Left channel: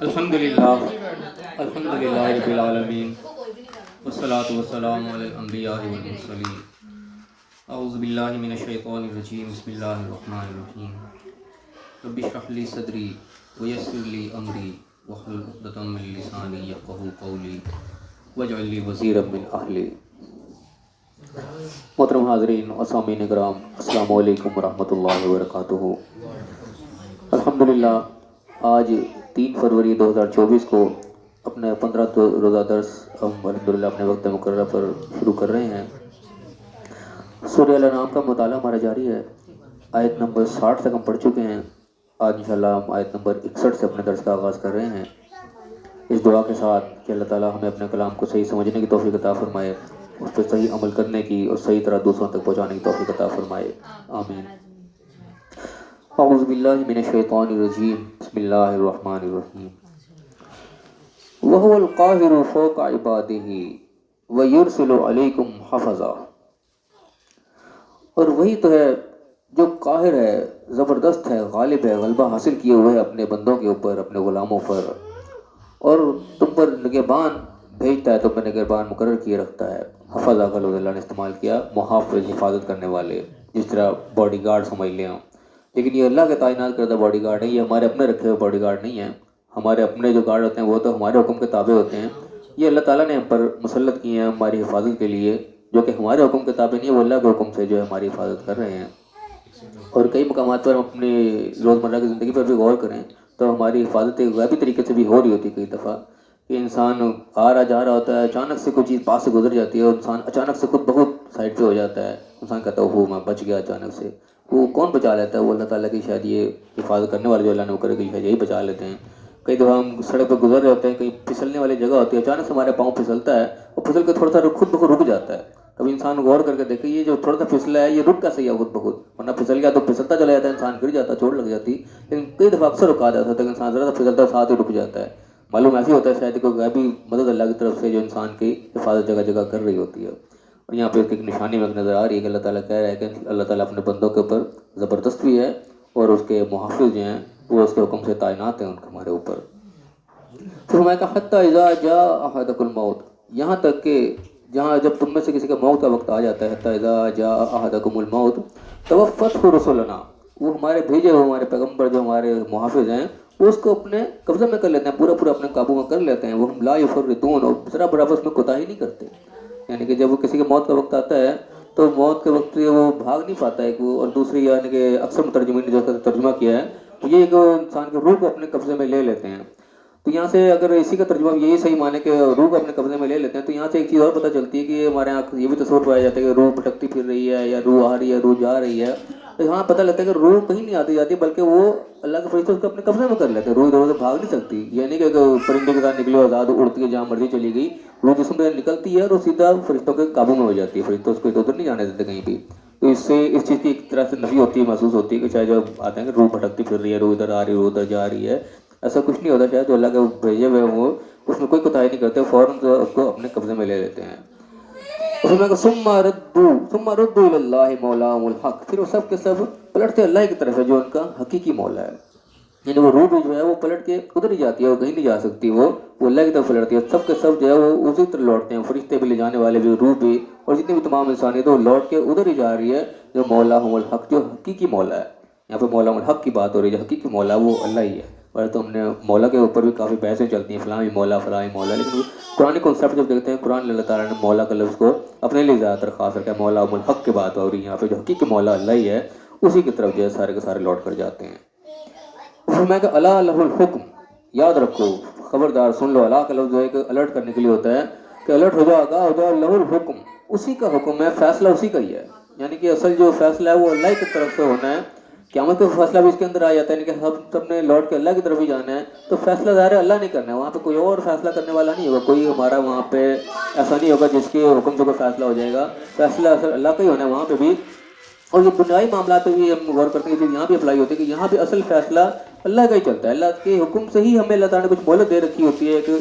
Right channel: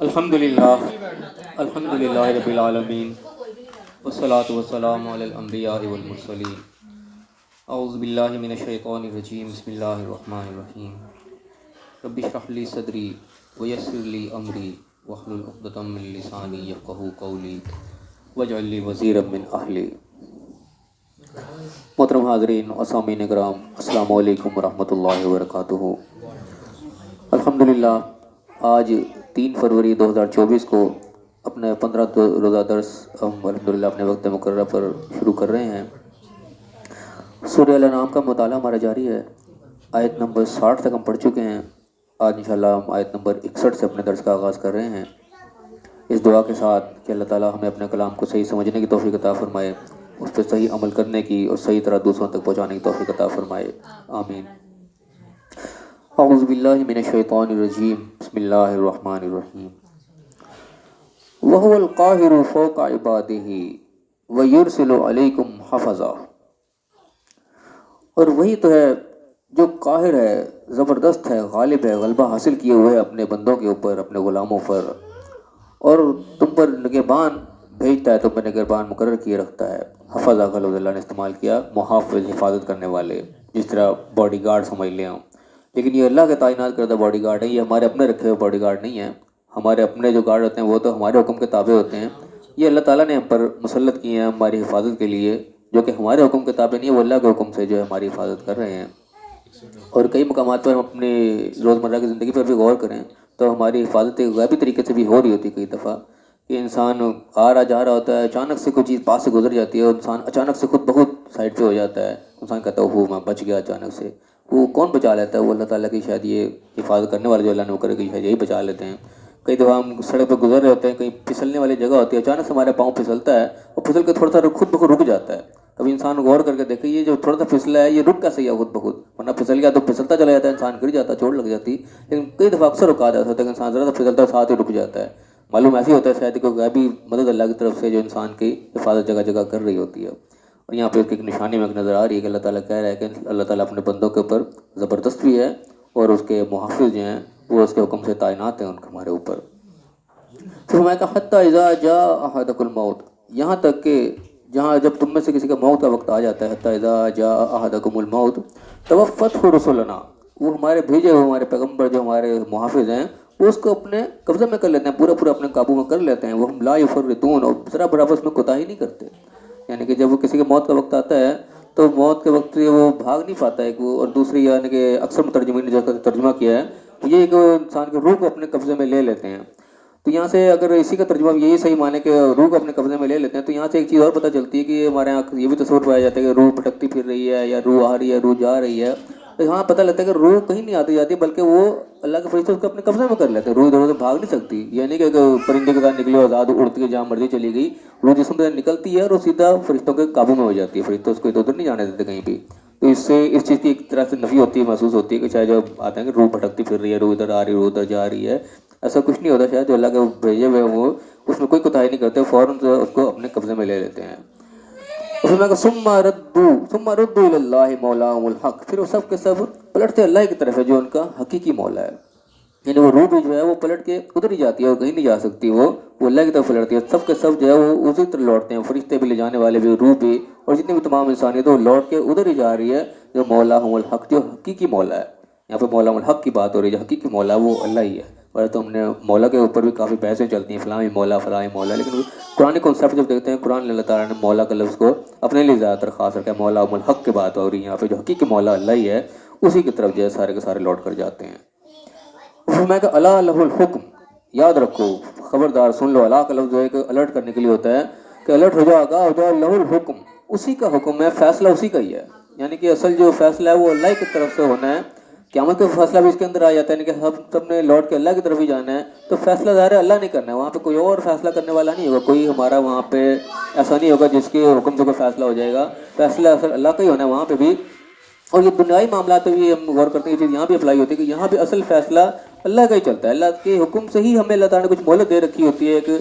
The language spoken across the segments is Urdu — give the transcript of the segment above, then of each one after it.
الحمدللہ رب العالمین والصلاة والسلام علی الانبیاء والمرسلین اعوذ باللہ من الشیطان الرجیم بسم اللہ الرحمن الرحیم رب اشرح لی صدری ویسر لی امری واحلل عقدۃ من لسانی یفقہوا قولی واجعل لی وزیرا من اہلی۔ محترم حاضرین اور سامعین کرام، السلام علیکم ورحمۃ اللہ وبرکاتہ۔ الحمدللہ آج 3 فروری 2024 کو اپنے 15 روزہ درس ہم الحمدللہ اپنے وقت مقررہ پر شروع کر رہے ہیں۔ سورہ الانعام کا مطالعہ ہمارا جاری ہے۔ آیت نمبر 60 تک ہم پڑھ چکے ہیں۔ آج انشاءاللہ ہم آیت نمبر 61 سے اپنے درس کا آغاز کر رہے ہیں، اس دعا کے ساتھ کہ اللہ تعالیٰ ہمیں اپنے کلام کو صحیح سمجھنے کی توفیق عطا فرمائے، اس پہ صحیح عمل کرنے کی اور صحیح طرح دوسروں تک پہنچانے کی توفیق عطا فرمائے، آمین۔ اعوذ باللہ من الشیطان الرجیم بسم اللہ الرحمن الرحیم۔ وَهُوَ الْقَاهِرُ فَوْقَ عِبَادِهِ وَيُرْسِلُ عَلَيْكُمْ حَفَظًا۔ اور وہی تو ہے جو قاہر ہے، زبردست ہے، غالب ہے، غلبہ حاصل کیے ہوئے اپنے بندوں کے اوپر، اپنے غلاموں پر، اور تم پر نگہبان بھیجتا ہے، تم پر نگہبان مقرر کیے رکھتا ہے۔ حفظہ کا لفظ اللہ نے استعمال کیا، محافظ، حفاظت کرنے والے، جس طرح باڈی گارڈ سمجھ لیں ہم، لیکن یہ اللہ کے تعینات کردہ باڈی گارڈ ہیں، یہ ہمارے اپنے رکھے ہوئے باڈی گارڈ نہیں ہیں۔ ہمارے اپنے جو گارڈ ہوتے ہیں وہ تو ہمارے حکم کے تابع ہوتے ہیں، یہ اللہ تعالیٰ نے ہم پر مسلط کیے ہیں ہماری حفاظت کے لیے، جو کہ ہمارے حکم کے تابع نہیں ہے، وہ اللہ کے حکم سے جو ہے ہماری حفاظت کر رہے ہیں۔ اور کئی مقامات پر ہم اپنی روزمرہ کی زندگی پر بھی غور کریں تو ہماری حفاظت ایک غیبی طریقے سے بھی ہو رہی ہوتی ہے۔ کئی دفعہ کہ انسان آ رہا جا رہا ہوتا ہے، اچانک سے کوئی چیز پاس سے گزر جاتی ہے اور انسان اچانک سے خود بہت سائڈ پہ ہو جاتا ہے، انسان کہتا ہے وہ میں بچ گیا اچانک سے۔ وہ کون بچا لیتا ہے؟ وہ اللہ تعالیٰ کی شاید یہ حفاظت کرنے والے جو اللہ نے وہ کرے گی شاید یہی بچا لیتے ہیں۔ کئی دفعہ ہم سڑک پہ گزر رہے ہوتے ہیں، کہیں پھسلنے والی جگہ ہوتی ہے، اچانک سے ہمارے پاؤں پھسلتا ہے اور پھسل کے تھوڑا سا خود بخود رک جاتا ہے۔ کبھی انسان غور کر کے دیکھے یہ جو تھوڑا سا پھسلا ہے یہ رک کیسے گیا خود بخود، ورنہ پھسل گیا تو پھسلتا چلا جاتا ہے، انسان گر جاتا ہے، چوٹ لگ جاتی۔ لیکن کئی دفعہ اکثر رکا جاتا ہے کہ انسان ذرا سا پھسلتا ہے ساتھ ہی رک جاتا ہے۔ معلوم ایسے ہوتا ہے شاید کوئی غیبی مدد اللہ کی طرف سے جو انسان کی حفاظت جگہ جگہ کر رہی ہوتی ہے۔ اور یہاں پہ ایک نشانی میں نظر آ رہی ہے کہ اللہ تعالیٰ کہہ رہا ہے کہ اللہ تعالیٰ اپنے بندوں کے اوپر زبردست بھی ہے اور اس کے محافظ جو ہیں وہ اس کے حکم سے تعینات ہیں ان کے ہمارے اوپر۔ پھر میں کہا حتیٰ اذا جاء احدکم الموت، یہاں تک کہ جہاں جب تم میں سے کسی کا موت کا وقت آ جاتا ہے، حتیٰ اذا جاء احدکم الموت توفته رسلنا، وہ ہمارے بھیجے ہوئے ہمارے پیغمبر جو ہمارے محافظ ہیں وہ اس کو اپنے قبضے میں کر لیتے ہیں، پورا پورا اپنے قابو میں کر لیتے ہیں۔ وہ ہم لا یفرطون، اور ذرا برابر اس میں کوتاہی نہیں کرتے۔ یعنی کہ جب وہ کسی کے موت کا وقت آتا ہے تو موت کے وقت سے وہ بھاگ نہیں پاتا ہے وہ، اور دوسری یعنی کہ اکثر مترجمین نے جو ترجمہ کیا ہے تو یہ کہ انسان کے روح کو اپنے قبضے میں لے لیتے ہیں۔ تو یہاں سے اگر اسی کا ترجمہ یہی صحیح مانے کہ روح کو اپنے قبضے میں لے لیتے ہیں، تو یہاں سے ایک چیز اور پتہ چلتی ہے کہ ہمارے یہاں یہ بھی تصور پایا جاتا ہے کہ روح بھٹکتی پھر رہی ہے یا روح آ رہی ہے، روح جا رہی ہے۔ تو یہاں پتہ لگتا ہے کہ روح کہیں نہیں آتی جاتی، بلکہ وہ اللہ کے فرشتے اس کو اپنے قبضے میں کر لیتے ہیں۔ روح ادھر ادھر بھاگ نہیں سکتی، یہ نہیں کہ پرندے کے ساتھ نکلی آزاد اڑتی ہے جہاں مرضی چلی گئی، روح جسم سے نکلتی ہے اور وہ سیدھا فرشتوں کے قابو میں ہو جاتی ہے، فرشتے اس کو ادھر ادھر نہیں جانے دیتے کہیں بھی۔ تو اس سے اس چیز کی ایک طرح سے نفی ہوتی ہے، محسوس ہوتی ہے کہ شاید جب آتے ہیں کہ روح بھٹکتی پھر رہی ہے، روح ادھر آ رہی ہے، روح ادھر جا رہی ہے، ایسا کچھ نہیں ہوتا۔ شاید جو اللہ کے بھیجے ہوئے وہ اس میں کوئی کوتاہی نہیں کرتے، فوراً سے اس کو اپنے قبضے میں لے لیتے ہیں۔ اس میں ثم ردوا الی اللہ مولاهم الحق، پھر وہ سب کے سب پلٹتے اللہ کی طرف ہے جو ان کا حقیقی مولا ہے۔ یعنی وہ روح بھی جو ہے وہ پلٹ کے ادھر ہی جاتی ہے اور کہیں نہیں جا سکتی، وہ اللہ کی طرف پلٹتی ہے۔ سب کے سب جو ہے وہ اسی طرح لوٹتے ہیں، فرشتے بھی لے جانے والے بھی، روح بھی، اور جتنی بھی تمام انسانیت وہ لوٹ کے ادھر ہی جا رہی ہے جو مولاهم الحق، جو حقیقی مولا ہے۔ یہاں پہ مولاهم الحق کی بات ہو رہی ہے، جو حقیقی مولا وہ اللہ ہی ہے۔ اور تو ہم نے مولا کے اوپر بھی کافی بحثیں چلتی ہیں، فلاں مولا فلاں مولا، لیکن قرآن کنسیپٹ جب دیکھتے ہیں قرآن اللہ تعالیٰ نے مولا کا لفظ کو اپنے لیے زیادہ تر خاص رکھا ہے۔ مولاهم الحق کی بات ہو رہی ہے یہاں پہ، جو حقیقی مولا اللہ ہی ہے، اسی کی طرف جو ہے سارے کے سارے لوٹ کر جاتے ہیں۔ فرمایا کہ الا لہ الحکم، یاد رکھو، خبردار سن لو، الا کا لفظ جو ہے کہ الرٹ کرنے کے لیے ہوتا ہے کہ الرٹ ہو جاؤ، آگاہ ہو جاؤ، لہ الحکم، اسی کا حکم ہے، فیصلہ اسی کا ہی ہے۔ یعنی کہ اصل جو فیصلہ ہے وہ اللہ کی طرف سے ہونا ہے۔ قیامت کا فیصلہ بھی اس کے اندر آ جاتا ہے، یعنی کہ سب نے لوٹ کے اللہ کی طرف ہی جانا ہے، تو فیصلہ ظاہر ہے اللہ نہیں کرنا ہے، وہاں پہ کوئی اور فیصلہ کرنے والا نہیں ہوگا، کوئی ہمارا وہاں پہ ایسا نہیں ہوگا جس کے حکم سے کوئی فیصلہ ہو جائے گا، فیصلہ اصل اللہ کا ہی ہونا ہے وہاں پہ بھی۔ اور یہ بنیادی معاملات پہ بھی ہم غور کرتے ہیں، یہ چیز یہاں بھی اپلائی ہوتی ہے کہ یہاں بھی اصل فیصلہ اللہ کا ہی چلتا ہے، اللہ کے حکم سے ہی ہمیں اللہ تعالیٰ نے کچھ مہلت دے رکھی ہوتی ہے، کہ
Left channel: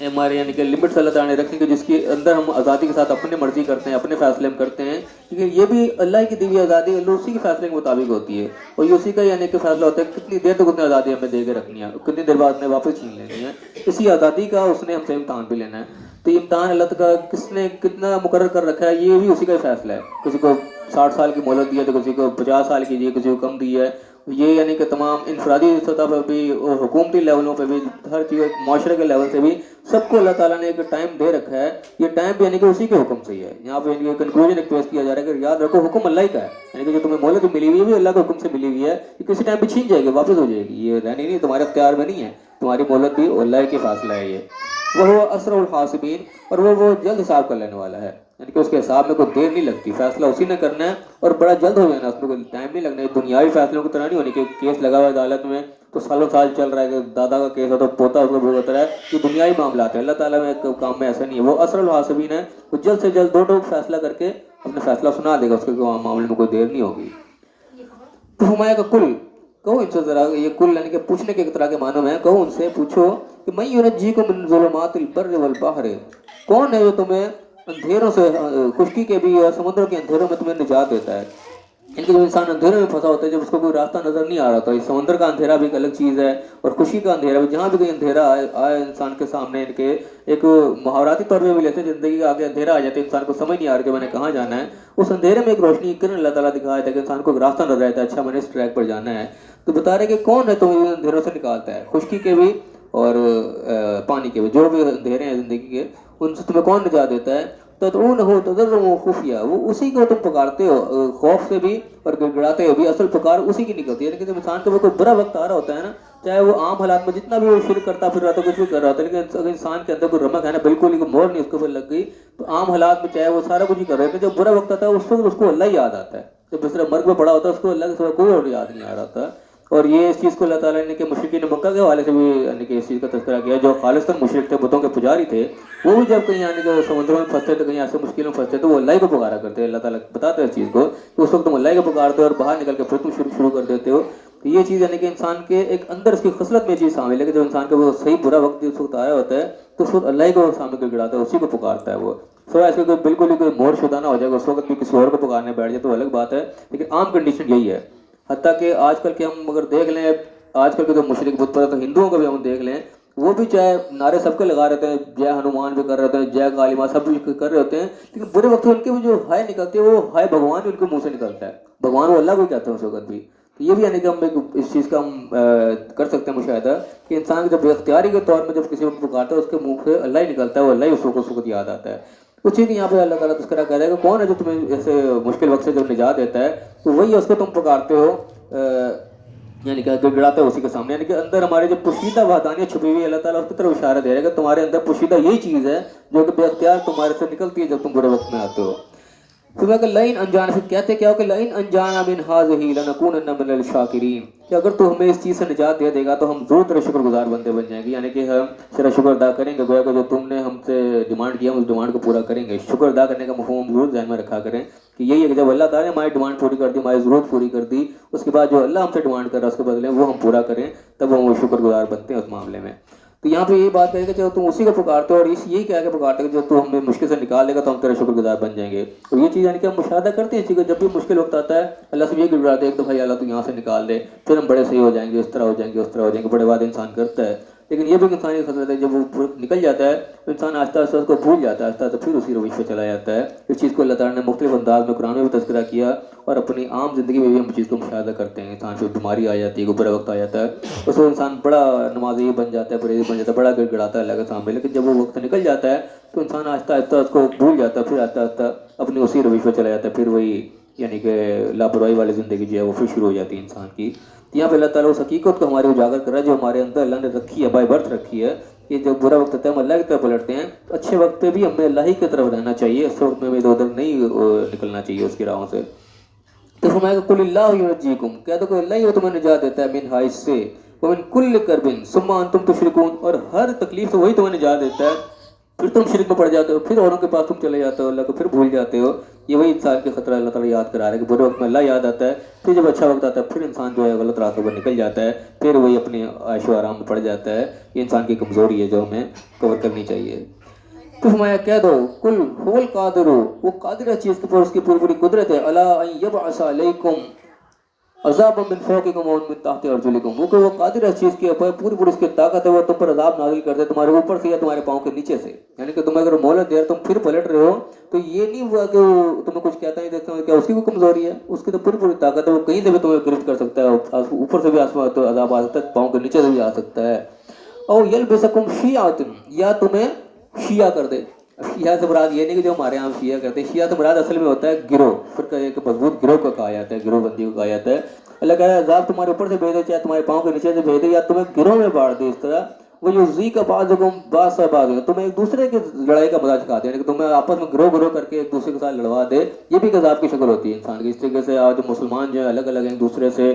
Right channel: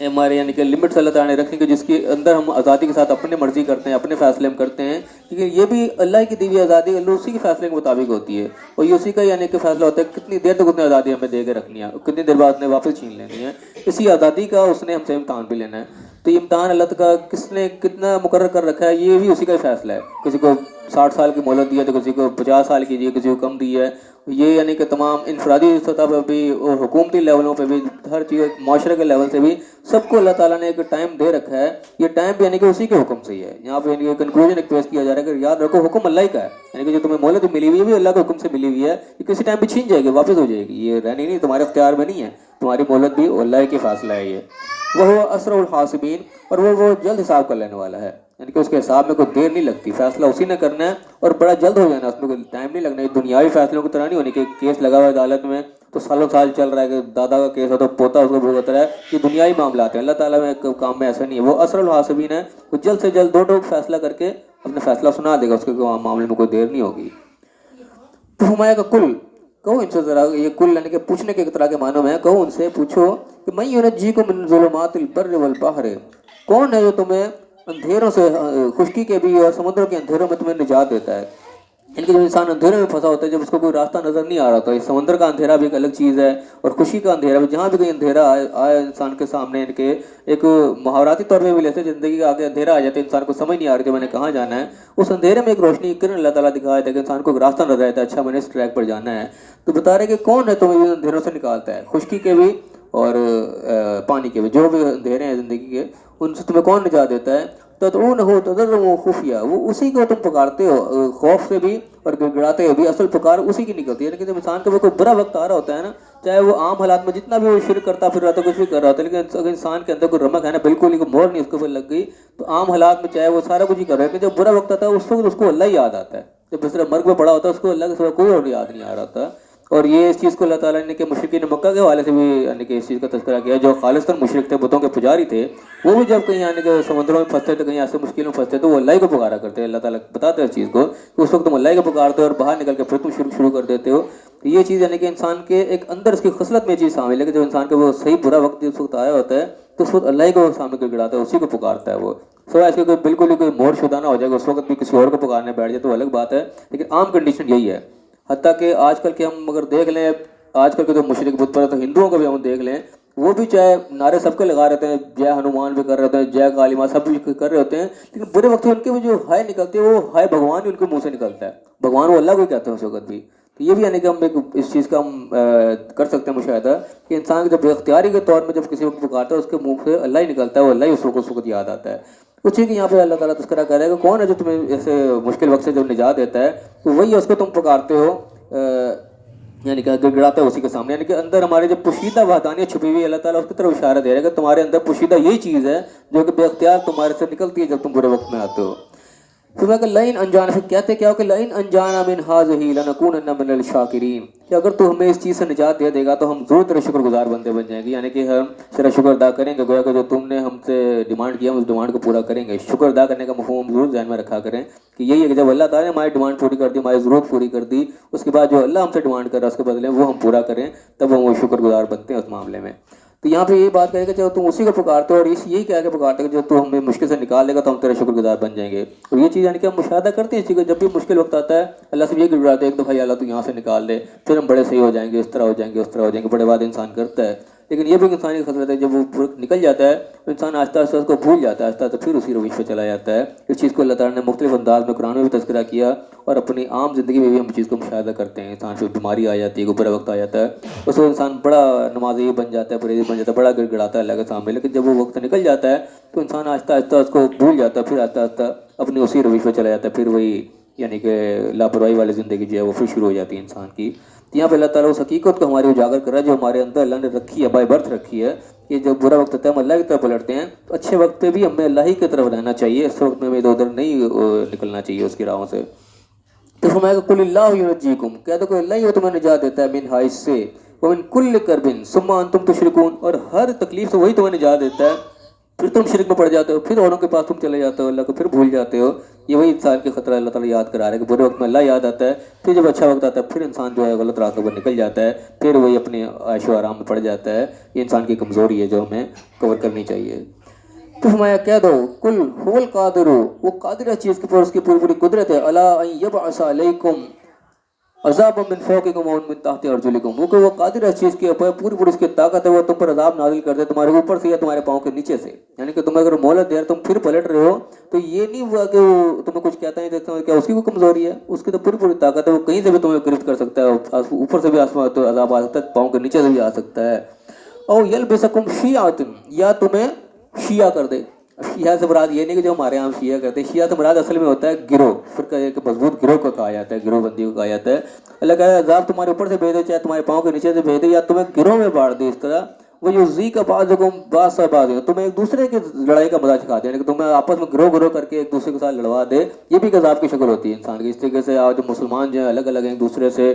ہمارے یعنی کہ لمٹس اللہ تعالیٰ نے رکھی کہ جس کے اندر ہم آزادی کے ساتھ اپنی مرضی کرتے ہیں، اپنے فیصلے ہم کرتے ہیں، کیونکہ یہ بھی اللہ کی دی ہوئی آزادی اللہ اسی کے فیصلے کے مطابق ہوتی ہے، اور یہ اسی کا یعنی کہ فیصلہ ہوتا ہے کتنی دیر تک اس نے آزادی ہمیں دے کے رکھنی ہے، کتنی دیر بعد نے واپس چھین لینی ہے۔ اسی آزادی کا اس نے ہم سے امتحان بھی لینا ہے، تو یہ امتحان اللہ تعالیٰ کس نے کتنا مقرر کر رکھا ہے یہ بھی اسی کا فیصلہ ہے۔ کسی کو 60 سال کی مہلت دی ہے تو کسی کو 50 سال کی دی ہے، کسی کو کم دی ہے۔ یہ یعنی کہ تمام انفرادی سطح پر بھی اور حکومتی لیولوں پہ بھی، ہر چیز معاشرے کے لیول سے بھی سب کو اللہ تعالیٰ نے ایک ٹائم دے رکھا ہے۔ یہ ٹائم بھی یعنی کہ اسی کے حکم سے ہی ہے۔ یہاں پہ یعنی کنکلوژن ایک پیش کیا جا رہا ہے کہ یاد رکھو حکم اللہ ہی کا ہے، یعنی کہ جو تمہیں مہلت ملی ہوئی ہے بھی اللہ کے حکم سے ملی ہوئی ہے، یہ کسی ٹائم بھی چھین جائے گی، واپس ہو جائے گی، یہ رہنی نہیں، تمہارے اختیار میں نہیں ہے، تمہاری مہلت بھی اللہ کے فاصلہ ہے۔ یہ وہ اسرع الحاسبین، اور وہ جلد حساب کر لینے والا ہے، یعنی کہ اس کے حساب میں کوئی دیر نہیں لگتی، فیصلہ اسی نے کرنا ہے اور بڑا جلد ہو جانا، اس میں کوئی ٹائم نہیں لگنا۔ دنیاوی فیصلوں کی طرح نہیں ہونی کہ کیس لگا ہوا ہے عدالت میں تو سالوں سال چل رہا ہے کہ دادا کا کیس ہے تو پوتا اس کو بھول جاتا ہے، یہ دنیاوی معاملات ہیں۔ اللہ تعالیٰ میں کام میں ایسا نہیں ہے، وہ اسرع الحاسبین ہے، وہ جلد سے جلد دو ٹوک فیصلہ کر کے اپنا فیصلہ سنا دے گا، اس کے معاملے میں کوئی دیر نہیں ہوگی۔ تو فرمایا کہ کل کہو ان سے ذرا، یہ کل یعنی کہ پوچھنے کے طرح کے معنوں میں ہے، کہو ان سے پوچھو کہ من ینجیکم من ظلمات البر والبحر، کون ہے جو تمہیں اندھیروں سے، خشکی کے بھی اور سمندر کے اندھیروں میں تمہیں نجات دیتا ہے۔ ان کے جو انسان اندھیروں میں پھنسا ہوتا ہے، جب اس کو کوئی راستہ نظر نہیں آ رہا ہوتا، یہ سمندر کا اندھیرا بھی ایک الگ چیز ہے اور خوشی کا اندھیرا بھی، جہاں بھی کوئی اندھیرا آئے انسان کے سامنے، ان کے ایک محاوراتی طور پہ بھی لیتے ہیں، زندگی کا آگے اندھیرا آ جاتا ہے، انسان کو سمجھ نہیں آ رہا کہ میں نے کہاں جانا ہے، اس اندھیرے میں ایک روشنی کرن اللہ تعالیٰ دکھایا تھا کہ انسان کو ایک راستہ نظر آتا ہے، اچھا میں نے اس ٹریک پر جانا ہے۔ تو بتا رہے کہ کون ہے تمہیں اندھیروں سے نکالتا ہے، خشکی کے بھی اور پانی کے بھی، جو بھی اندھیرے ہیں زندگی کے، ان سے تمہیں کون نجات دیتا ہے۔ تدعونہ تضرعا وخفیا، وہ اسی کو تم پکارتے ہو خوف سے بھی اور گڑگڑاتے ہوئے بھی، اصل پکار اسی کی نکلتی ہے۔ لیکن جب انسان کو وہ کوئی برا وقت آ رہا ہوتا ہے نا، چاہے وہ عام حالات میں جتنا بھی وہ شرک کرتا پھر رہا تھا، کچھ بھی کر رہا ہوتا ہے، لیکن اگر انسان کے اندر کوئی رمق ہے نا، بالکل ہی کوئی مور نہیں اس کو پھر لگ گئی، تو عام حالات میں چاہے وہ سارا کچھ ہی کر رہا ہے، لیکن جب برا وقت آتا ہے اس وقت اس کو اللہ ہی یاد آتا ہے۔ جب دوسرا مرگ میں پڑا ہوتا ہے اس کو اللہ کے سوا کوئی اور یاد نہیں آ رہا ہوتا۔ اور یہ اس چیز کو اللہ تعالیٰ نے کہ مشرکین مکہ کے حوالے سے بھی یعنی کہ اس چیز کا تذکرہ کیا، جو خالصتاً مشرک تھے، بتوں کے پجاری تھے، وہ بھی جب کہیں یعنی کہ سمندروں میں پھنستے تھے، کہیں ایسے مشکلوں میں پھنستے تو وہ اللہ کو پکارا کرتے ہیں۔ اللہ تعالیٰ بتاتے ہیں اس چیز کو کہ اس وقت تم اللہ کو پکارتے ہو اور باہر نکل کے پھر تم شروع کر دیتے ہو۔ تو یہ چیز یعنی کہ انسان کے ایک اندر اس کی خصلت میں یہ چیز شامل ہے کہ جب انسان کا وہ صحیح برا وقت اس وقت آیا ہوتا ہے تو اس وقت اللہ کو سامنے کر گڑاتا ہے، اسی کو پکارتا ہے وہ، سوائے اس کے کوئی بالکل ہی کوئی مور شدہ نہ ہو جائے گا، اس وقت بھی کسی اور کو پکارنے بیٹھ جائے تو الگ بات ہے، لیکن عام کنڈیشن یہی ہے۔ حتیٰ کہ آج کل کے ہم اگر دیکھ لیں، آج کل کے جو مشرک بت پرست ہندوؤں کو بھی ہم دیکھ لیں، وہ بھی چاہے نعرے سب کے لگا رہتے ہیں، جے ہنومان بھی کر رہے ہوتے ہیں، جے کالی ماں سب بھی کر رہے ہوتے ہیں، لیکن برے وقت میں ان کے وہ جو ہائے نکلتی ہے وہ ہائے بھگوان ہی ان کے منہ سے نکلتا ہے، بھگوان وہ اللہ کو کہتے ہیں اس وقت بھی۔ تو یہ بھی یعنی کہ ہم ایک اس چیز کا ہم کر سکتے ہیں مشاہدہ کہ انسان جب اختیاری کے طور میں جب کسی وقت پکارتا ہے اس کے منہ سے اللہ ہی نکلتا ہے، وہ اللہ ہی اس وقت یاد آتا ہے۔ اسی کہ یہاں پہ اللہ تعالیٰ تذکرہ کر رہا ہے کہ کون ہے جو تمہیں ایسے مشکل وقت سے جب نجات دیتا ہے، تو وہی ہے اس کو تم پکارتے ہو، یعنی کہ گڑگڑاتے ہیں اسی کے سامنے، یعنی کہ اندر ہمارے جو پوشیدہ وحدانیت چھپی ہوئی ہے، اللہ تعالیٰ اس کی طرف اشارہ دے رہا ہے کہ تمہارے اندر پوشیدہ یہی چیز ہے جو کہ بے اختیار تمہارے سے نکلتی ہے جب تم برے وقت میں آتے ہو۔ پھر کہ لئن انجانا، پھر کہتے کیا ہو کہ لئن انجانا من ہذہ لنکونن من الشاکرین، کہ اگر تو ہمیں اس چیز سے نجات دے گا تو ہم ضرور تیرے شکر گزار بندے بن جائیں گے، یعنی کہ ہم تیرا شکر ادا کریں گے، گویا کہ جو تم نے ہم سے ڈیمانڈ کیا ہم اس ڈیمانڈ کو پورا کریں گے۔ شکر ادا کرنے کا مفہوم ہم ضرور ذہن میں رکھا کریں کہ یہی ہے کہ جب اللہ تعالیٰ نے ہماری ڈیمانڈ پوری کر دی، ہماری ضرورت پوری کر دی، اس کے بعد جو اللہ ہم سے ڈیمانڈ کر رہا ہے اس کے بدلے وہ ہم پورا کریں، تب ہم وہ شکر گزار بنتے ہیں اس معاملے میں۔ تو یہاں پہ یہ بات کرے کہ جب تم اسی کو پکارتے ہو اور یہی کہہ کے پکارتے کہ جو تو ہمیں مشکل سے نکال دے گا تو ہم تیرے شکر گزار بن جائیں گے۔ اور یہ چیز یعنی کہ ہم مشاہدہ کرتے ہیں اسی کو، جب بھی مشکل وقت آتا ہے اللہ سے یہ گڑگڑاتے ہیں ایک دفعہ یا اللہ تو یہاں سے نکال دے، پھر ہم بڑے صحیح ہو جائیں گے، اس طرح ہو جائیں گے، اس طرح ہو جائیں گے، بڑے بات انسان کرتا ہے۔ لیکن یہ بھی انسانی خطرت ہے، جب وہ نکل جاتا ہے تو انسان آہستہ آہستہ اس کو بھول جاتا ہے، آہستہ آہستہ پھر اسی روش پہ چلا جاتا ہے۔ اس چیز کو اللہ تعالیٰ نے مختلف انداز میں قرآن میں بھی تذکرہ کیا اور اپنی عام زندگی میں بھی ہم چیز کو مشاہدہ کرتے ہیں۔ انسان پھر بیماری آ جاتی ہے، کوئی برا وقت آ جاتا ہے، اس وقت انسان بڑا نمازی بن جاتا ہے، پرہیزی بن جاتا ہے، بڑا گڑ گڑاتا ہے اللہ کے سامنے، لیکن جب وہ وقت نکل جاتا ہے تو انسان آہستہ آہستہ اس کو بھول جاتا ہے، پھر آہستہ آہستہ اپنی اسی روش پہ چلا جاتا ہے، پھر وہی یعنی کہ لاپرواہی والی زندگی جو ہے وہ پھر شروع ہو جاتی ہے انسان کی۔ یہاں پہ اللہ تعالیٰ اس حقیقت کو ہماری اجاگر کر رہا ہے جو ہمارے اندر اللہ نے رکھی ہے، بائی برتھ رکھی ہے، کہ جب برا وقت آتا ہے ہم اللہ کی طرف پلٹتے ہیں، اچھے وقت پہ بھی ہمیں اللہ ہی کی طرف رہنا چاہیے، اس وقت میں ہمیں ادھر ادھر نہیں نکلنا چاہیے اس کی راہوں سے۔ تو فرمایا کہ قل اللہ ینجیکم، کہہ دو کہ اللہ ہی تمہیں نجات دیتا ہے، من حائص سے، ومن کل کرب ثم انتم تشرکون، اور ہر تکلیف سے وہی تمہیں نجات دیتا ہے، پھر تم شرک میں پڑ جاتے ہو، پھر اوروں کے پاس تم چلے جاتے ہو، اللہ کو پھر بھول جاتے ہو۔ یہ وہی انسان کے خطرہ اللہ تعالیٰ یاد کرا رہا ہے کہ برے وقت میں اللہ یاد آتا ہے، پھر جب اچھا وقت آتا ہے پھر انسان جو ہے غلط راستے پر نکل جاتا ہے، پھر وہی اپنے عیش و آرام میں پڑ جاتا ہے۔ یہ انسان کی کمزوری ہے جو ہمیں کور کرنی چاہیے۔ تو فرمایا کہہ دو کل هو القادر، وہ قادر ہے چیز کے پر، اس کی پوری پوری قدرت ہے، الا ان یبعث علیکم عذاب من فوقکم و من تحت ارجلکم، وہ قادر ہے چیز کے اوپر، پوری پوری اس کی طاقت ہے، وہ تم پر عذاب نازل کر دے تمہارے اوپر سے یا تمہارے پاؤں کے نیچے سے، یعنی کہ تم اگر مہلت دے تم پھر پلٹ رہے ہو تو یہ نہیں ہوا کہ وہ تمہیں کچھ کہتا ہے دیکھتا ہوں کیا اس کی کوئی کمزوری ہے، اس کی تو پوری پوری طاقت ہے، وہ کہیں سے بھی تمہیں گرفت کر سکتا ہے، اوپر سے بھی آسمان تو عذاب آ سکتا ہے، پاؤں کے نیچے سے بھی آ سکتا ہے۔ اور یلبسکم شیعۃ، یا تمہیں شیعہ کر دے۔ شیعہ سے مراد یہ نہیں کہ جو ہمارے یہاں شیعہ کرتے ہیں، شیعہ سے مراد اصل میں ہوتا ہے گروہ، فرقہ ایک مضبوط گروہ کو کہا جاتا ہے، گروہ بندی کو کہا جاتا ہے۔ اللہ کہا ہے عذاب تمہارے اوپر سے بھیج دے، چاہے تمہارے پاؤں کے نیچے سے بھیج دے، یا تمہیں گروہ میں بانٹ دے اس طرح، وہ یذیق بعضکم بعضا بعض، تمہیں ایک دوسرے کی لڑائی کا مزہ سکھا دے، یعنی کہ تمہیں آپس میں گروہ گروہ کر کے ایک دوسرے کے ساتھ لڑوا دے، یہ بھی ایک عذاب کی شکل ہوتی ہے انسان کی۔ اس طریقے سے آج مسلمان جو ہیں الگ الگ ہیں، ایک دوسرے سے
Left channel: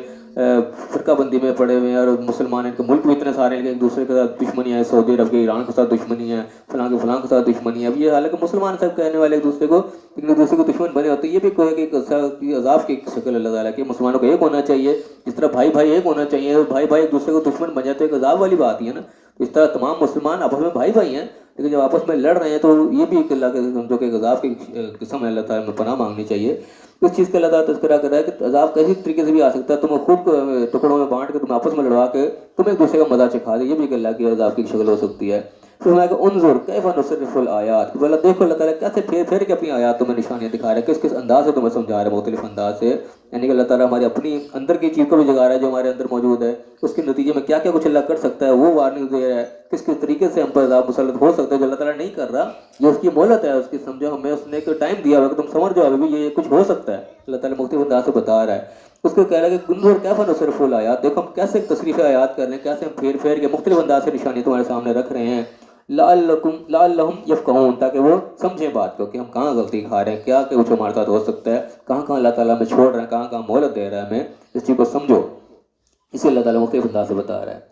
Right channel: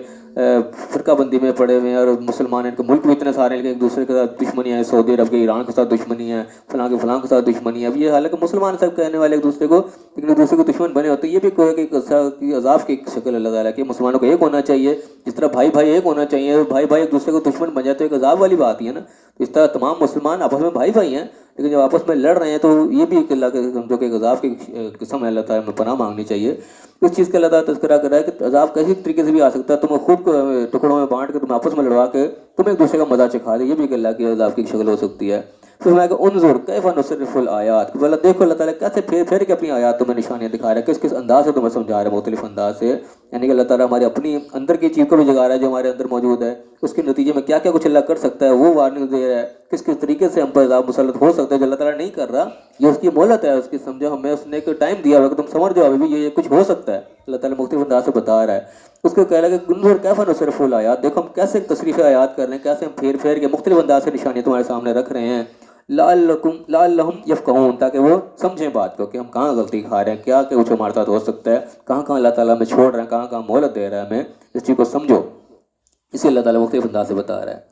فرقہ بندی میں پڑے ہوئے ہیں، اور مسلمان ان کے ملک بھی اتنے سارے ہیں کہ ایک دوسرے کے ساتھ دشمنی ہے، سعودی عرب کے ایران کے ساتھ دشمنی ہے، فلاں کے فلاں کے ساتھ دشمنی ہے۔ اب یہ حالانکہ مسلمان سب کہنے والے ایک دوسرے کو، لیکن ایک دوسرے کو دشمن بنے ہوتے ہیں، یہ بھی کوئی کہ عذاب کی شکل اللہ تعالیٰ کی، مسلمانوں کو ایک ہونا چاہیے، جس طرح بھائی بھائی ایک ہونا چاہیے، بھائی بھائی ایک دوسرے کو دشمن بن جاتے ہیں، ایک عذاب والی بات ہی ہے نا۔ اس طرح تمام مسلمان آپس میں بھائی بھائی ہیں، لیکن جب آپس میں لڑ رہے ہیں تو یہ بھی ایک اللہ کے سمجھو کہ عذاب کی قسم ہے، اللہ تعالیٰ میں پناہ مانگنی چاہیے۔ اس چیز کا اللہ تعالیٰ تذکرہ کر رہا ہے کہ عذاب کیسی طریقے سے بھی آ سکتا ہے، تمہیں خود کو ٹکڑوں میں بانٹ کے تم آپس میں لڑوا کے تم ایک دوسرے کا مزہ چکھا دے، یہ بھی ایک اللہ کی عذاب کی شکل ہو سکتی ہے۔ پھر میں کہ انظر کیف نصرف الآیات، کہ دیکھو اللہ تعالیٰ کیسے پھیر پھیر کے اپنی آیات تمہیں نشانیاں دکھا رہا ہے، کس کس انداز سے تمہیں سمجھا رہا ہے، مختلف انداز سے، یعنی کہ اللہ تعالیٰ ہمارے اپنی اندر کی چیز کو بھی جگا رہا ہے جو ہمارے اندر موجود ہے، اس کے نتیجے میں کیا کیا کچھ اللہ کر سکتا ہے وہ وارننگ دے رہا ہے، کس کس طریقے سے ہم پر عذاب مسلط ہو سکتا ہے جو اللہ تعالیٰ نہیں کر رہا، یہ اس کی مہلت ہے، اس کی سمجھو ہمیں اس نے ایک ٹائم دیا ہوا کہ تم سمجھ جاؤ ابھی بھی یہ کچھ ہو سکتا ہے، اللہ تعالیٰ مختلف انداز سے بتا رہا ہے۔ اس کو کہہ رہا ہے کہ گنظر کیف نصرف الآیات، دیکھو ہم کیسے تصریف آیات کر رہے ہیں، کیسے ہم پھیر پھیر کے مختلف انداز سے نشانیاں تمہارے سامنے رکھ رہے ہیں، لعلہم یفقہون، تاکہ وہ سمجھیں بات کو کہ ہم کہاں غلطی کھا رہے ہیں، کیا کہ کچھ ہمارے ساتھ ہو سکتا ہے، کہاں کہاں اللہ تعالیٰ ہمیں چھوڑ رہے ہیں، کہاں کہاں مہلت دے رہا ہے ہمیں، اس چیز کو سمجھو، اسے اللہ تعالیٰ مختلف انداز سے بتا رہا ہے۔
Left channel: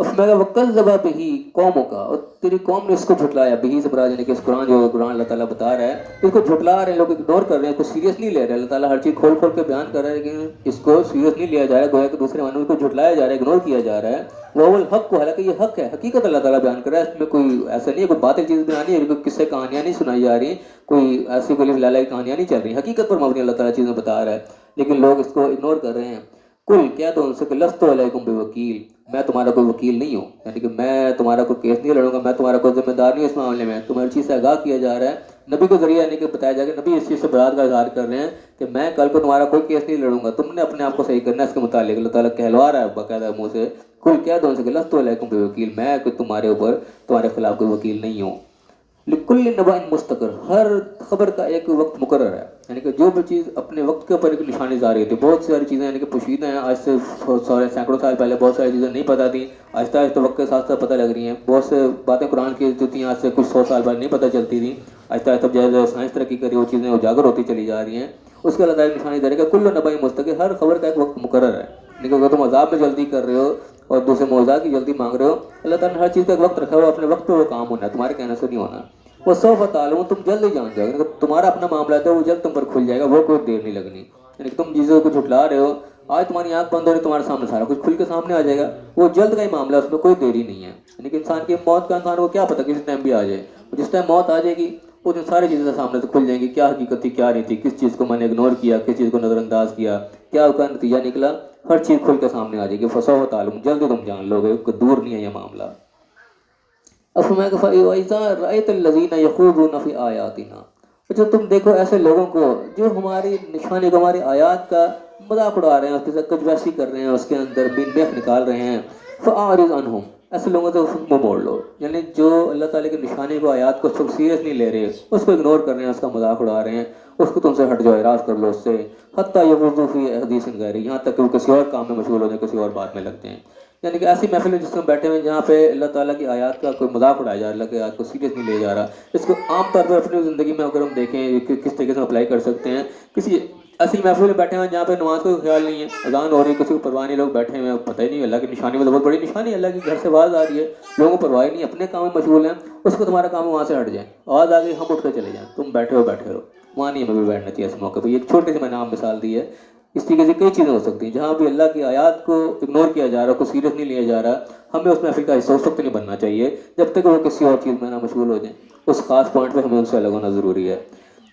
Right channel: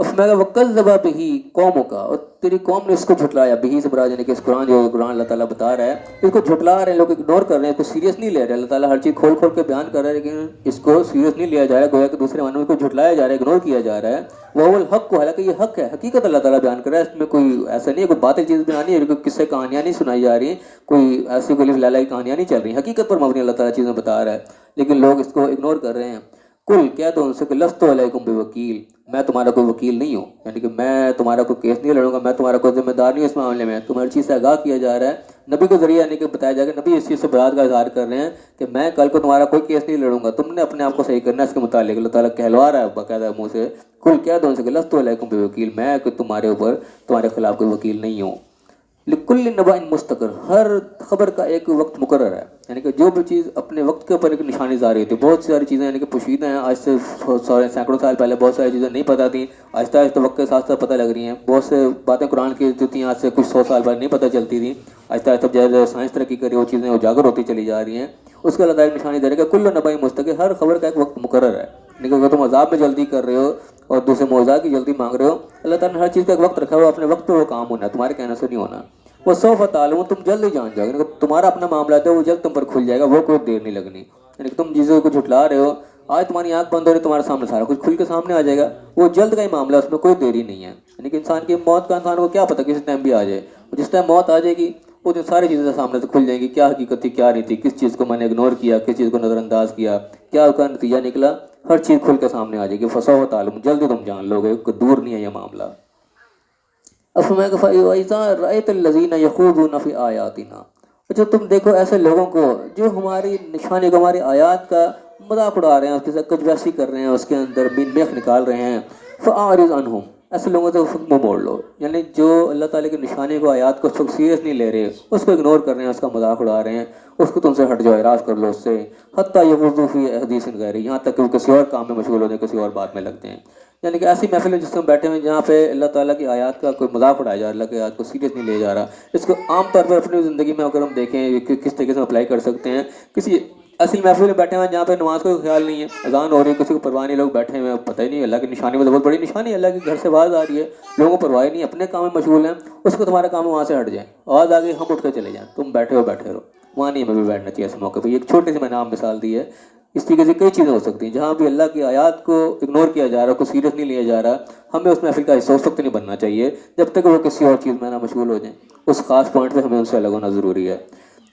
اس میں وَكَذَّبَ بِهِ قَوْمُكَ، اور تیری قوم نے اس کو جھٹلایا، بہی سے مراد یعنی کہ اس قرآن جو قرآن اللہ تعالیٰ بتا رہا ہے اس کو جھٹلا رہے ہیں لوگ، اگنور کر رہے ہیں، اس کو سیریس نہیں لے رہے، اللہ تعالیٰ ہر چیز کھول کھول کے بیان کر رہا ہے لیکن اس کو سیریس نہیں لیا جا رہا ہے، گویا کہ دوسرے معنوں کو جھٹلایا جا رہا ہے، اگنور کیا جا رہا ہے۔ وہ الحق کو، حالانکہ یہ حق ہے، حقیقت اللہ تعالیٰ بیان کر رہا ہے، اس میں کوئی ایسا نہیں ہے کوئی باطل چیز بیان ہے، کوئی قصے کہانیاں نہیں سنائی جا رہی، کوئی ایسی کوئی لالائی کہانیاں نہیں چل رہی، حقیقت پر مبنی اللہ تعالیٰ چیزیں بتا رہا ہے، لیکن لوگ اس کو اگنور کر رہے ہیں۔ کل کیا تو ان سے کہ لست علیکم بوکیل، میں تمہارا کوئی وکیل نہیں ہوں، یعنی کہ میں تمہارا کوئی کیس نہیں لڑوں گا، میں تمہارا کوئی ذمہ دار نہیں ہوں اس معاملے میں، تمہاری چیز سے آگاہ کیا جا رہا ہے، نبی کے ذریعے یعنی کہ بتایا جائے گا، نبی اس چیز سے برات کا اظہار کر رہے ہیں کہ میں کل کو تمہارا کوئی کیس نہیں لڑوں گا، تم نے اپنے آپ کو صحیح کرنا ہے، اس کے متعلق اللہ تعالیٰ کہلوا رہا ہے باقاعدہ منہ سے، کل کیا تو ان سے کہ لست علیکم بوکیل، میں کہ تمہارے اوپر تمہارے خلاف کوئی وکیل نہیں ہوں۔ لکل نبأ مستقر، ہر خبر کا ایک وقت مقرر ہے، یعنی کہ جو بھی چیز اپنے وقت کے اوپر ایک نشانی ظاہر ہوتی ہے، بہت ساری چیزیں یعنی کہ پوشیدہ ہیں، آج سے سینکڑوں سال پہلے بہت ساری چیزیں نہیں پتہ تھیں، آہستہ آہستہ وقت کے ساتھ ساتھ پتہ لگ رہی ہیں، بہت سے باتیں قرآن کی جو تھیں آج سے کچھ 100 سال پہلے نہیں پتہ چلتی تھیں، آہستہ آہستہ جیسے سائنس ترقی کری وہ چیزیں اجاگر ہوتی چلی جا رہی ہیں، اس کا اللہ تعالیٰ نشانی دے رہا ہے کہ کل نبأ مستقر، ہر خبر کا ایک وقت مقرر ہے، لیکن اگر تم عذاب میں جلدی کر رہے ہو اور دوسرے معجزات کی جلدی مانگ رہے ہو، اللہ تعالیٰ نے ہر چیز کا ایک وقت رکھا ہوا، اپنے وقت پہ وہ کام ہونا ہے، تمہارے کہنے سے نہیں ہونا۔ وہ سوف تعلمون، تم جلد ہی جان جاؤ گے، تمہارا اپنا معاملہ ہے وہ جلد تم پر کھل جائے گا، وہ کوئی دیر نہیں لگنی، یعنی کہ تم چیزوں کو جھٹلا رہے ہو، آج تمہاری آنکھ بند ہو رہی ہے، تمہارے سامنے سارا کچھ کھل کے سامنے آ جائے گا، وہ جلد کا ہی معاملہ ہے، اس میں کوئی دیری نہیں ہے، یعنی کہ انسان کی موت کا انسان کو کیا پتہ کسی ٹائم بھی آ جائے، جس ٹائم موت آ جائے گی وہ دن ساری چیزیں سامنے سے کھل جائیں گی، کیا حقیقت تھی کیا نہیں تھی، کس چیز کو میں نے اگنور کیا، کس چیز کو نظر انداز کیا، کیا اس کا نتیجہ نکلا، ہر چیز کھل کے سامنے آ جائے گی، فسوف تعلمون، جلد تم جان لو گے، دور نہیں ہے یہ معاملہ۔ فَإِذَا رَأَيْتَ الَّذِينَ يَخُوضُونَ فِي آيَاتِنَا، اچھا تم دیکھو ایسے لوگوں کو جو ہماری نشانی کو، ہماری آیات کا مذاق اڑا رہے ہیں، اس کے ساتھ کچھ ویسی کر رہے ہیں، اس کے اندر میخ نکال رہے ہیں، فَأَعْرِضْ عَنْهُمْ، ایسے لوگوں سے منہ موڑ لو، یعنی جو اللہ تعالیٰ کی نشانی کو، آیات کو سیریس نہیں لے رہے، اس کو اگنور کر رہے ہیں، اس کا مذاق اڑا رہے ہیں، اس کو تم سے ہٹ جاؤ، اعراض کر لو اس سے، حتیٰ یخوضوا فی حدیث غیرہ، یہاں تک کہ وہ کسی اور کام میں مشغول ہوتے ہیں، کسی اور بات میں لگتے ہیں، یعنی کہ ایسی محفل میں جس میں بیٹھے ہوئے جہاں پہ اللہ تعالیٰ کی آیات کا کوئی مذاق اڑایا جا رہا ہے، اللہ کی آیات کو سیریس نہیں لیا جا رہا، اس کو عام طور پر اپنی زندگی میں اگر ہم دیکھیں کہ کس طریقے سے اپلائی کر سکتے ہیں، کسی ایسی محفل میں بیٹھے ہوئے جہاں پہ نماز کا کوئی خیال نہیں ہے، اذان ہو رہی ہے، کسی کو پرواہ نہیں، لوگ بیٹھے ہوئے ہیں، پتہ ہی نہیں، اللہ کی نشانی میں بہت بڑی نشانی ہے، اللہ کے گھر سے آواز آ رہی ہے، لوگوں کو پرواہ نہیں، اپنے کام میں مشغول ہیں، اس کو تمہارا کام وہاں سے ہٹ جائے، آواز آ گئی ہم اٹھ کے چلے جائیں، تم بیٹھے ہو، معنی میں بھی بیٹھنا چاہیے اس موقع پہ. یہ ایک چھوٹی سی میں نے آپ مثال دی ہے. اس طریقے سے کئی چیزیں ہو سکتی ہیں جہاں بھی اللہ کی آیات کو اگنور کیا جا رہا ہے, کو سیریس نہیں لیا جا رہا. ہمیں اس محفل کا حصہ اس وقت نہیں بننا چاہیے جب تک وہ کسی اور چیز میں نہ مشغول ہو جائیں. اس خاص پوائنٹ پہ ہمیں ان سے الگ ہونا ضروری ہے.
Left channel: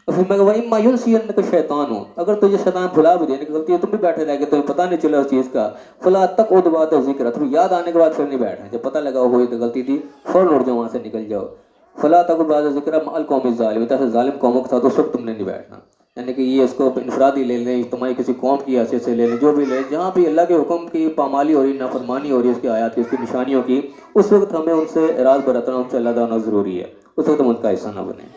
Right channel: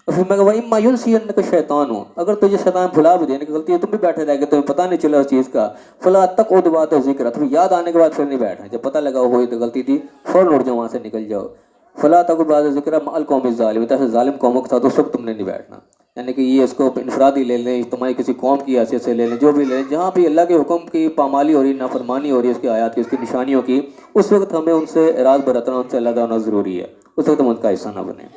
اور پھر میں کہا وَإِمَّا يُنْسِيَنَّكَ الشَّيْطَانُ, اگر تجھے شیطان بھلا بھی دینے کی غلطی ہے, تم بھی بیٹھے رہ گے, تمہیں پتہ نہیں چلا اس چیز کا, فَلَا تَقْعُدْ بَعْدَ ذِكْرَى, تمہیں یاد آنے کے بعد پھر نہیں بیٹھنا. جب پتہ لگا وہ غلطی تھی فوراً اٹھ جاؤ, وہاں سے نکل جاؤ. فَلَا تَقْعُدْ بَعْدَ ذِكْرَى مَعَ الْقَوْمِ الظَّالِمِينَ, ایسے ظالم قوموں کے ساتھ اس وقت تم نے نہیں بیٹھنا. یعنی کہ یہ اس کو انفرادی لے لیں, اجتماعی کسی قوم کی حیثیت سے لے لیں, جو بھی لیں, جہاں بھی اللہ کے حکم کی پامالی ہو رہی, نافرمانی ہو رہی ہے اس کی آیات کی, اس کی نشانیوں کی, اس وقت ہمیں ان سے اعراض برتنا, ان سے اللہ ہونا ضروری ہے. اس وقت ہم ان کا حصہ نہ بنیں.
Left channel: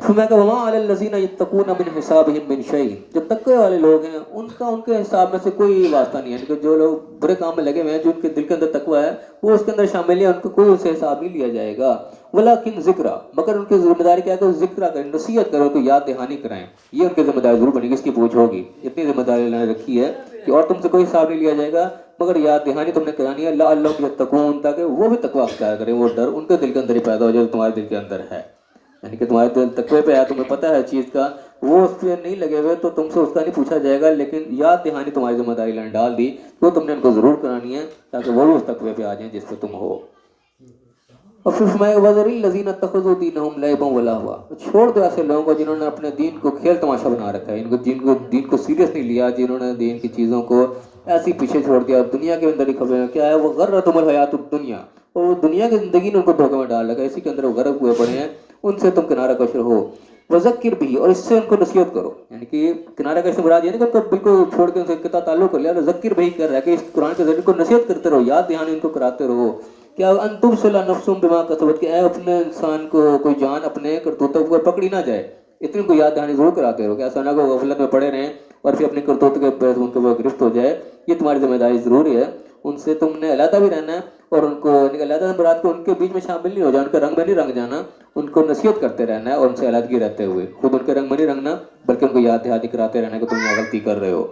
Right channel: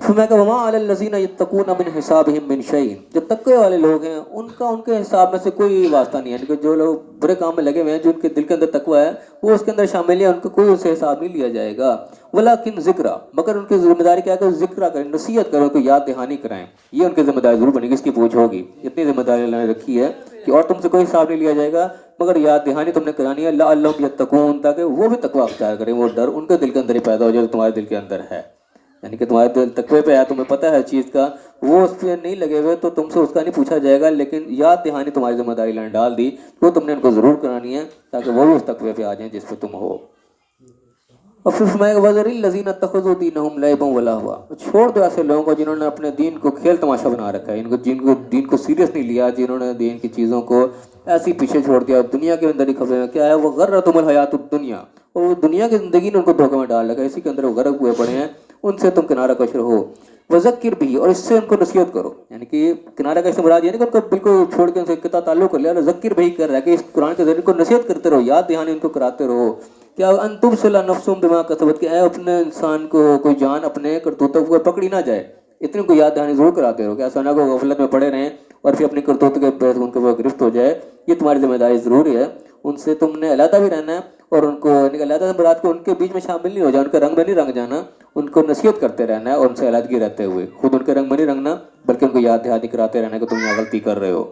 پھر میں کہا وَمَا عَلَى الَّذِينَ يَتَّقُونَ مِنْ حِسَابِهِمْ مِنْ شَيْءٍ, جو تقوی والے لوگ ہیں ان کا ان کے حساب میں سے کوئی واسطہ نہیں ہے. یعنی کہ جو لوگ برے کام میں لگے ہوئے ہیں, جو ان کے دل کے اندر تقوی ہے, وہ اس کے اندر شامل ہے, ان کو کوئی اسے حساب نہیں لیا جائے گا. وَلَكِنْ ذِكْرَى, مگر ان کی ذمہ داری کیا ہے کہ ذکر کریں, نصیحت کریں, ان کو یاد دہانی کرائیں. یہ ان کی ذمہ داری ضرور بنے گی, اس کی پوچھ ہوگی. اتنی ذمہ داری اللہ نے رکھی ہے کہ اور تم سے کوئی حساب نہیں لیا جائے گا, مگر یاد دہانی تم نے کرانی ہے. لَعَلَّهُمْ يَتَّقُونَ, تاکہ وہ بھی تقوی اختیار کریں, وہ ڈر ان کے دل کے اندر ہی پیدا ہو جائے جو تمہارے دل کے اندر ہے. یعنی کہ تمہارے دل تقوی پہ ہے, تمہیں پتہ ہے چیز کا, وہ اس پہ نہیں لگے ہوئے تو تم سے اس کا نہیں پوچھا جائے گا, لیکن یاد دہانی تمہاری ذمہ داری اللہ نے ڈال دی, وہ تم نے ان کو ضرور کرانی ہے تاکہ وہ بھی اس تقوی پہ آ جائیں جس پہ تم ہو. اور پھر فرمایا وَذَرِ الَّذِينَ اتَّخَذُوا دِينَهُمْ لَعِبًا وَلَهْوًا, چھوڑ دو ایسے لوگوں کو جنہوں نے اپنے دین کو کھیل تماشا بنا رکھا ہے, جن کو دین کو سیریس نہیں لیا, جنہوں نے دین کی چیزوں کو ایسے ہی پیچھے چھوڑ دیا, دنیا کے اندر ہی کھپے ہیں. کیا ہے وہ غرتہم الحیات الدنیا, اور وہ دنیا کی زندگی نے ان کو دھوکے میں ڈال رکھا ہے, اسی کے اندر وہ غرق ہوئے پڑے ہیں. ان سے تم کنارہ کشر ہو. وذکر بھی, اور اس سے ان کو نصیحت کرو. یعنی کہ کنارہ کشر مراد یہ نہیں کہ ان کو بالکل چھوڑ کے ان سے قطع تعلق کر لیا, ذکر بھی کر رہا ہے کہ اس قرآن کے ذریعے کو نصیحت کرتے رہو, یاد دہانی ان کو کراتے رہو. کیا ان تبصر نفس بما کسبت, کہ اے اپنے انسان کو کوئی جان اپنے کرتوتوں کو پکڑی نہ جائے, اتنی کو یاد دہانی ضرور کراتے رہو کہ ایسا نہ کہ غفلت میں پڑے رہیں اور پھر اپنی کرتوت کے ان کے وہ گرفت ہو جائے. یہ تمہاری ذمہ داری ضروری ہے. ان سے تم نے علیحدہ بھی رہنا ہے, اور ان کو علیحدہ مراد کو ان کے بیچ میں شامل نہیں ہو جانا, ان کے رنگ میں نہیں رنگ جانا, ان کو نصیحت کرتے رہنا ہے, اور ان سے علیحدگی رہتے ہوئے خود ان کے رنگ میں نہیں رنگنا, بلکہ ان کو یاد دہانی کراتے رہنا کہ تم یہ غلطی کر رہے ہو.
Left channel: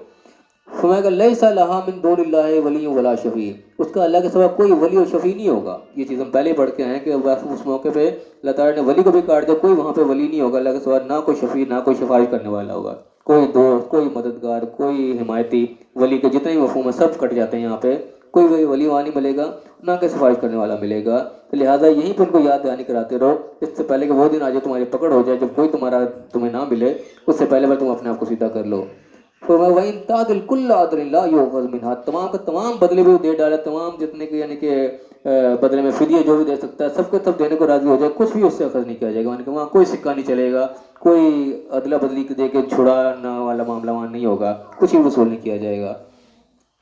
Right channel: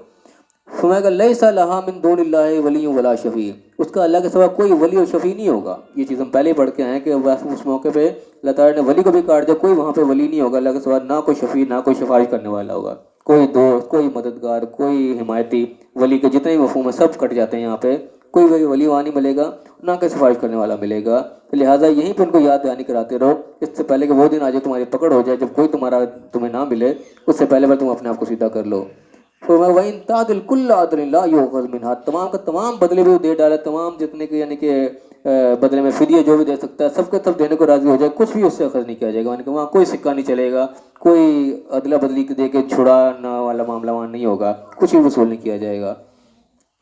فرمایا کہ لیس لہا من دون اللہ ولی ولا شفیع, اس کا اللہ کے سوا کوئی ولی اور شفیع نہیں ہوگا. یہ چیز ہم پہلے ہی پڑھ کے آئے ہیں کہ اس موقع پہ اللہ تعالیٰ نے ولی کو بھی کاٹ دیا, کوئی وہاں پہ ولی نہیں ہوگا اللہ کے سوا, نہ کوئی شفیع نہ کوئی شفاعت کرنے والا ہوگا, کوئی دوست, کوئی مددگار, کوئی حمایتی. ولی کے جتنے بھی مفہوم ہیں سب کٹ جاتے ہیں یہاں پہ. کوئی ولی وہاں نہیں ملے گا, نہ کہ سفارش کرنے والا ملے گا. لہٰذا یہیں پہ ان کو یاد دہانی کراتے رہو, اس سے پہلے کہ وہ دن آ جائے تمہاری پکڑ ہو جائے جب کوئی تمہیں نہ ملے, اس سے پہلے تم اپنے آپ کو سیدھا کر لو. وَإِن تَعْدِلْ كُلَّ عَدْلٍ لَا يُؤْخَذْ مِنْهَا, تمام کا تمام بدلے بھی وہ دے ڈالا, تمام جتنے کے یعنی کہ بدلے میں فدیہ جو بھی دے سکتا ہے سب کے سب دینے کو راضی ہو جائے, کچھ بھی اس سے اخذ نہیں کیا جائے گا. یعنی کہ وہاں کوئی سکہ نہیں چلے گا, کوئی ادلا بدلی دے کے چھڑانا والا معاملہ وہاں نہیں ہوگا, کچھ بھی وصول نہیں کیا جائے گا.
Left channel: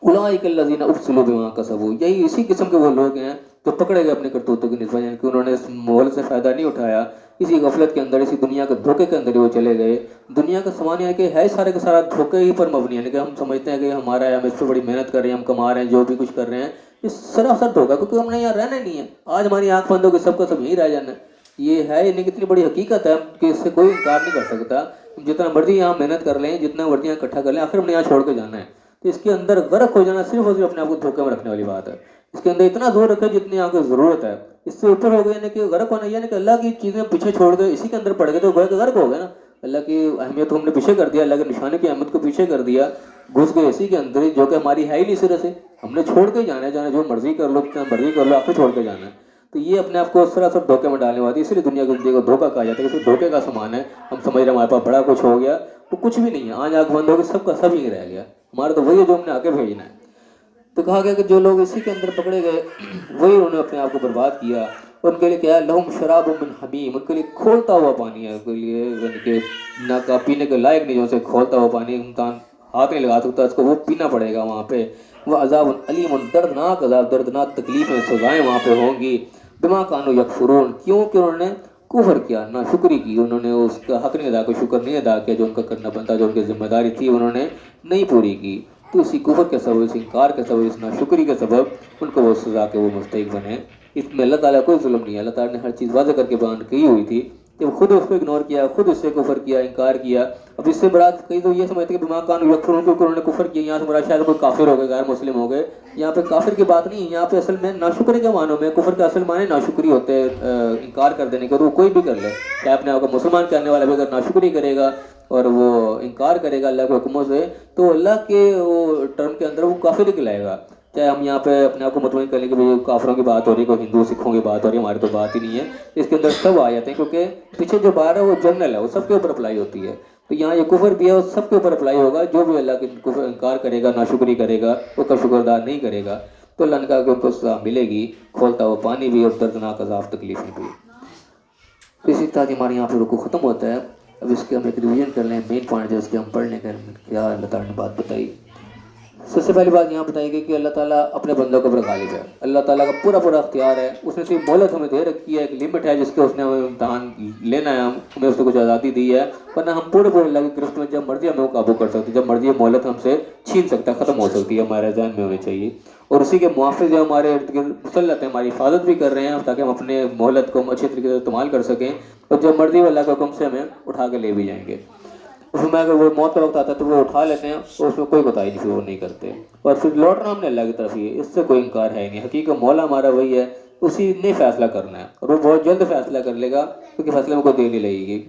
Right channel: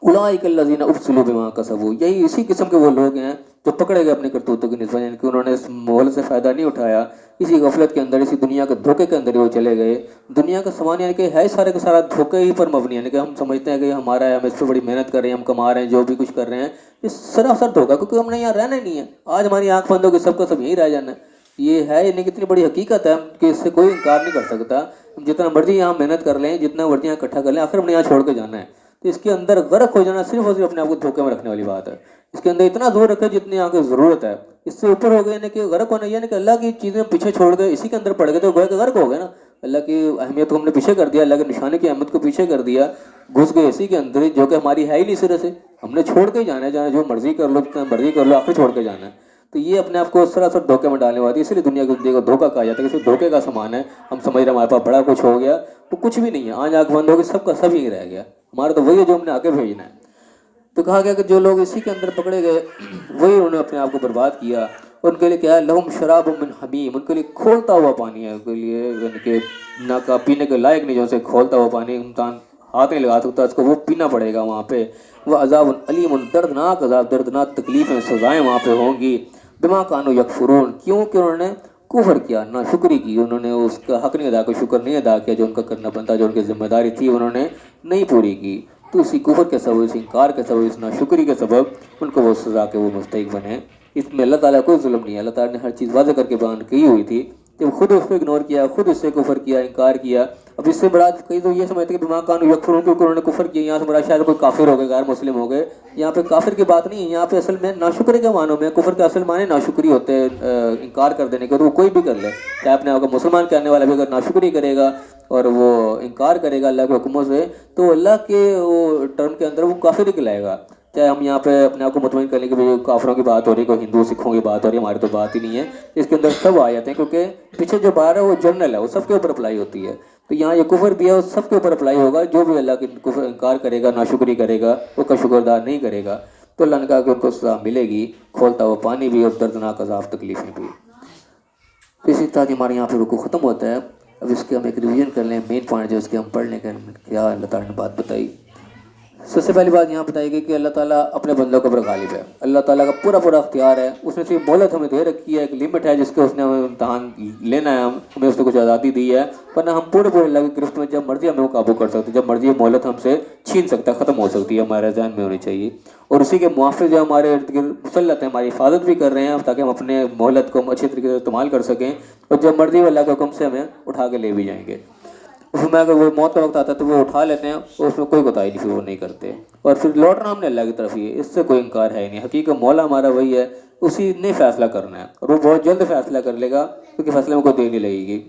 اولئک الذین ابسلوا بما کسبوا, یہی اسی قسم کے وہ لوگ ہیں جو پکڑے گئے اپنے کرتوتوں کی نسبت, یعنی کہ انہوں نے اس مول سے فائدہ نہیں اٹھایا, اسی غفلت کے اندر, اسی دنیا کے دھوکے کے اندر ہی وہ چلے گئے. دنیا کا سامان یعنی کہ ہے سارے کا سارا دھوکے ہی پر مبنی, یعنی کہ ہم سمجھتے ہیں کہ ہمارا ہے, ہم اس سے بڑی محنت کر رہے ہیں, ہم کما رہے ہیں, جو بھی کچھ کر رہے ہیں, یہ سراسر دھوکا, کیونکہ ہم نے یہاں رہنا ہی نہیں ہے. آج ہماری آنکھ بند ہوگی, سب کو سب یہیں رہ جانا ہے. یہ ہے یعنی کہ اتنی بڑی حقیقت ہے کہ اس سے کوئی انکار نہیں کر سکتا. جتنا مرضی یہاں محنت کر لیں, جتنا مرضی یہاں اکٹھا کر لیں, آخر ہم نے یہاں چھوڑ کے جانا ہے. تو اس کے اندر غرق ہو جانا صرف اور صرف اپنے آپ کو دھوکے میں رکھنے والی بات ہے. اس کے اندر اتنا زور رکھے جتنی آپ کو ضرورت ہے, اس سے اوپر ہو گئے یعنی کہ غرق ہونا, یعنی کہ اللہ کی چیزیں پیچھے چھوڑ گئے, اسی کے اندر پڑ گئے تو گویا کہ غرق ہو گئے نا. اللہ کی اہمیت کو ہم نے پیچھے کر دیا, اللہ کے نشانے کی اہمیت کو پیچھے کر دیا, گھس گئے اسی کے اندر جو کہ ہماری ہے ہی نہیں سرے سے. ہم نے چھوڑ کے ہی جانا ہے, جانا جو مرضی کر لو, جتنا مرضی کر لو, آپ کو چھوڑ کے جانا ہے. تو یہ اپنے آپ کو سراسر دھوکے میں ڈالنے والی, اس لیے دنیا کو دیکھو دھوکا کہا جاتا ہے, کسی دھوکے کا سامان ہے. ہم سمجھ رہے ہیں ہمارے پاس بڑا کچھ ہو گیا, تو کچھ بھی نہیں ہے. آج آنکھ بند ہوگی, سب کا سب ہی رہ گیا. ہمارا تو وہی ہے جو ہم نے آگے بھیجنا ہے. تو کہا گیا کہ جو لوگ اسی کے اندر پکڑے گئے وہی انہوں نے اپنے آپ کو برباد کیا. ان کے لیے کیا ہے, لہم شراب من حمیم, ان کے لیے کھولتا ہوا پانی ہے, ان کے لیے یعنی کہ نہ کا پینے کے لائق نہیں, جو سے کھولتا ہوا پانی انسان ہاتھ نہیں لگا سکتا, اس کو وہ پینا پڑے گا وہاں پہ. وہ عذاب علیم, دردناک عذاب, دردناک تکلیفیں, سزائیں وہاں پہ ہوں گی. بما کانوا یکفرون, کیونکہ انہوں نے کفر کیا, نہ شکری کی, انہوں نے اس کا حق نہیں ادا کیا, شکر نہیں ادا کیا, جو ان کا کرنا بنتا, جو ان کی ذمہ داری تھی انہوں نے نہیں پوری کی. تو اسی کفر کے سبب, اس انکار کے سبب, اس ناشکری کے سبب ان کو وہ سزا کے وہ مستحق بنے. اس میں اللہ تعالیٰ کوئی ظلم نہیں ہے. اللہ تعالیٰ نے ہر چیز واضح کر کے بیان کی ہوئی تھی تو خود اس کو اگنور کیا, خود اس سے کفر کیا, انکار کیا. اب اس سے بڑا کئی تو یہ سمجھتے کہ بما کانوا یکفرون کے انہوں نے کفر کیا, یہاں سے بڑا شاید کوئی کافر ہو گئے, غیر مسلم ہو گئے. یہاں پہ کافر کی بات نہیں ہے, یہاں پہ اصل میں ناشکری کا معنی میں, کفر کا اصل معنی ناشکری ہوتے ہیں, انکار کر دینے کے. اور وہ کوئی بھی کر لے, چاہے اپنے آپ کو مسلمان کہنے والا بھی اگر ناشکری کرے گا اور وہ انکار کرے گا اللہ کے حکموں سے, تو اللہ کے وہ ٹرم کے اندر وہ کافر ہی کہلائے گا. چاہے ہم یہاں پہ اپنے آپ کو مطمئن کر لیں کہ بھائی کافروں کی بات ہو رہی ہے, کوئی ہندو سکھوں کی بات ہو رہی ہے, ہماری تو بات ہی نہیں ہے. اس کے اندر سب آ جاتے ہیں, کیونکہ پیچھے جو بار ہے وہ جنرل ہے, وہ سب کے اوپر اپلائی ہوتی ہے. تو یہاں یہ کفر بھی ہے, وہ سب کے اوپر اپلائی ہوگا. جو بھی اللہ کی کفر انکار کرے گا, ناشکری کرے گا, وہ کا شکردار نہیں کرے گا, تو اللہ نے کہا کہ ان کو سزا ملے گی, کھولتا ہوا پانی بھی اور دردناک عذاب تکلیفیں بھی. اسی طرح کہ ہمارے یہاں پہ رکوع ختم ہوتا ہے. اب اس کے ہم ایک ریویژن کر لیں, مین پوائنٹ جو اس کے ہم پڑھ لیں کہ کیا اللہ تعالیٰ نے بات بتائی. سب سے پہلی بات یہاں بتائی گئی کہ اللہ تعالیٰ اپنے بندوں کے اوپر غالب ہے. اللہ تعالیٰ کا پورا اختیار ہے. اس نے صرف مہلت ہمیں دے رکھی ہے, ایک لمٹ ہے جس کے اس نے ہمیں امتحان لینا ہے, ہمیں اس نے کچھ آزادی دی ہے, ورنہ ہم پورے اللہ کی گرفت میں جب مرضی ہمیں وہ قابو کر سکتے, جب مرضی مہلت ہم سے چھین سکتا ہے, ختم ہو سکتی ہے. ہمارے ذہن میں ہونی چاہیے. اور اسی کے موافق جو ہمارے ارد گرد مسلط ہیں, ہماری حفاظت بھی کر رہے ہیں تاکہ ہم اپنے مہلت کو اچھے طریقے سے استعمال کر سکیں, اور جب مرضی وہ اللہ کے حکم سے ہمیں اٹھا کے لے بھی جائیں گے. اس میں اگر وہ موت کا وقت آتا ہے تو وہ اٹھا لیتے ہیں, اور اس میں کوئی کوتاہی نہیں, پھر وہ نہیں کرتے. اور پھر لوٹنا ہم نے اللہ کی طرف ہی ہے, اس سے کوئی انکار ہے ہی نہیں. حقیقت مولا ہمارا وہی ہے, اسی نے فیصلہ کرنا ہے, اور وہ بہت جلد فیصلہ کر لے گا, کیونکہ فیصلے میں کوئی دیر نہیں لگے گی.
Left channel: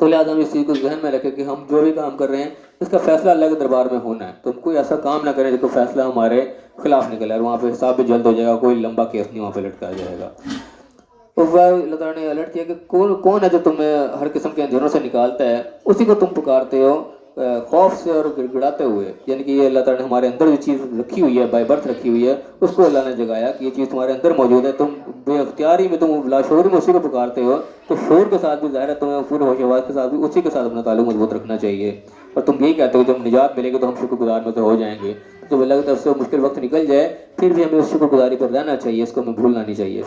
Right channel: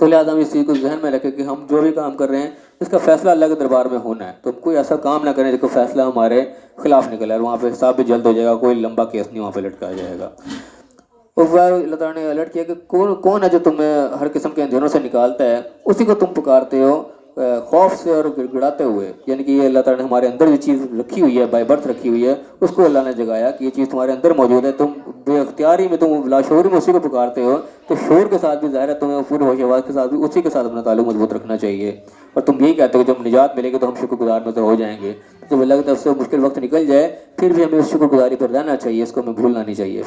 تو لہٰذا ہم اس چیز کو ذہن میں رکھیں کہ ہم جو بھی کام کر رہے ہیں اس کا فیصلہ اللہ کے دربار میں ہونا ہے. تو ہم کوئی ایسا کام نہ کریں جس کو فیصلہ ہمارے خلاف نکلا ہے, وہاں پہ حساب بھی جلد ہو جائے گا, کوئی لمبا کیس نہیں وہاں پہ لٹکایا جائے گا. اور اللہ تعالیٰ نے الرٹ کیا کہ کون ہے جو تمہیں ہر قسم کے اندھیروں سے نکالتا ہے, اسی کو تم پکارتے ہو خوف سے اور گڑگڑاتے ہوئے. یعنی کہ یہ اللہ تعالیٰ نے ہمارے اندر جو چیز رکھی ہوئی ہے, بائی برتھ رکھی ہوئی ہے, اس کو اللہ نے جگایا کہ یہ چیز تمہارے اندر موجود ہے. تم بے اختیاری میں, تم لاشعوری میں اسی کو پکارتے ہو, تو شعور کے ساتھ بھی ظاہر ہے تمہیں پورے ہوش و حواس کے ساتھ بھی اسی کے ساتھ اپنا تعلق مضبوط رکھنا چاہیے. اور تم یہی کہتے ہو کہ جب نجات ملے گی تو ہم شکر گزار میں تو ہو جائیں گے. جب اللہ کی طرف سے مشکل وقت نکل جائے پھر بھی ہمیں اس شکر گزاری پر رہنا چاہیے, اس کو ہمیں بھولنا نہیں چاہیے.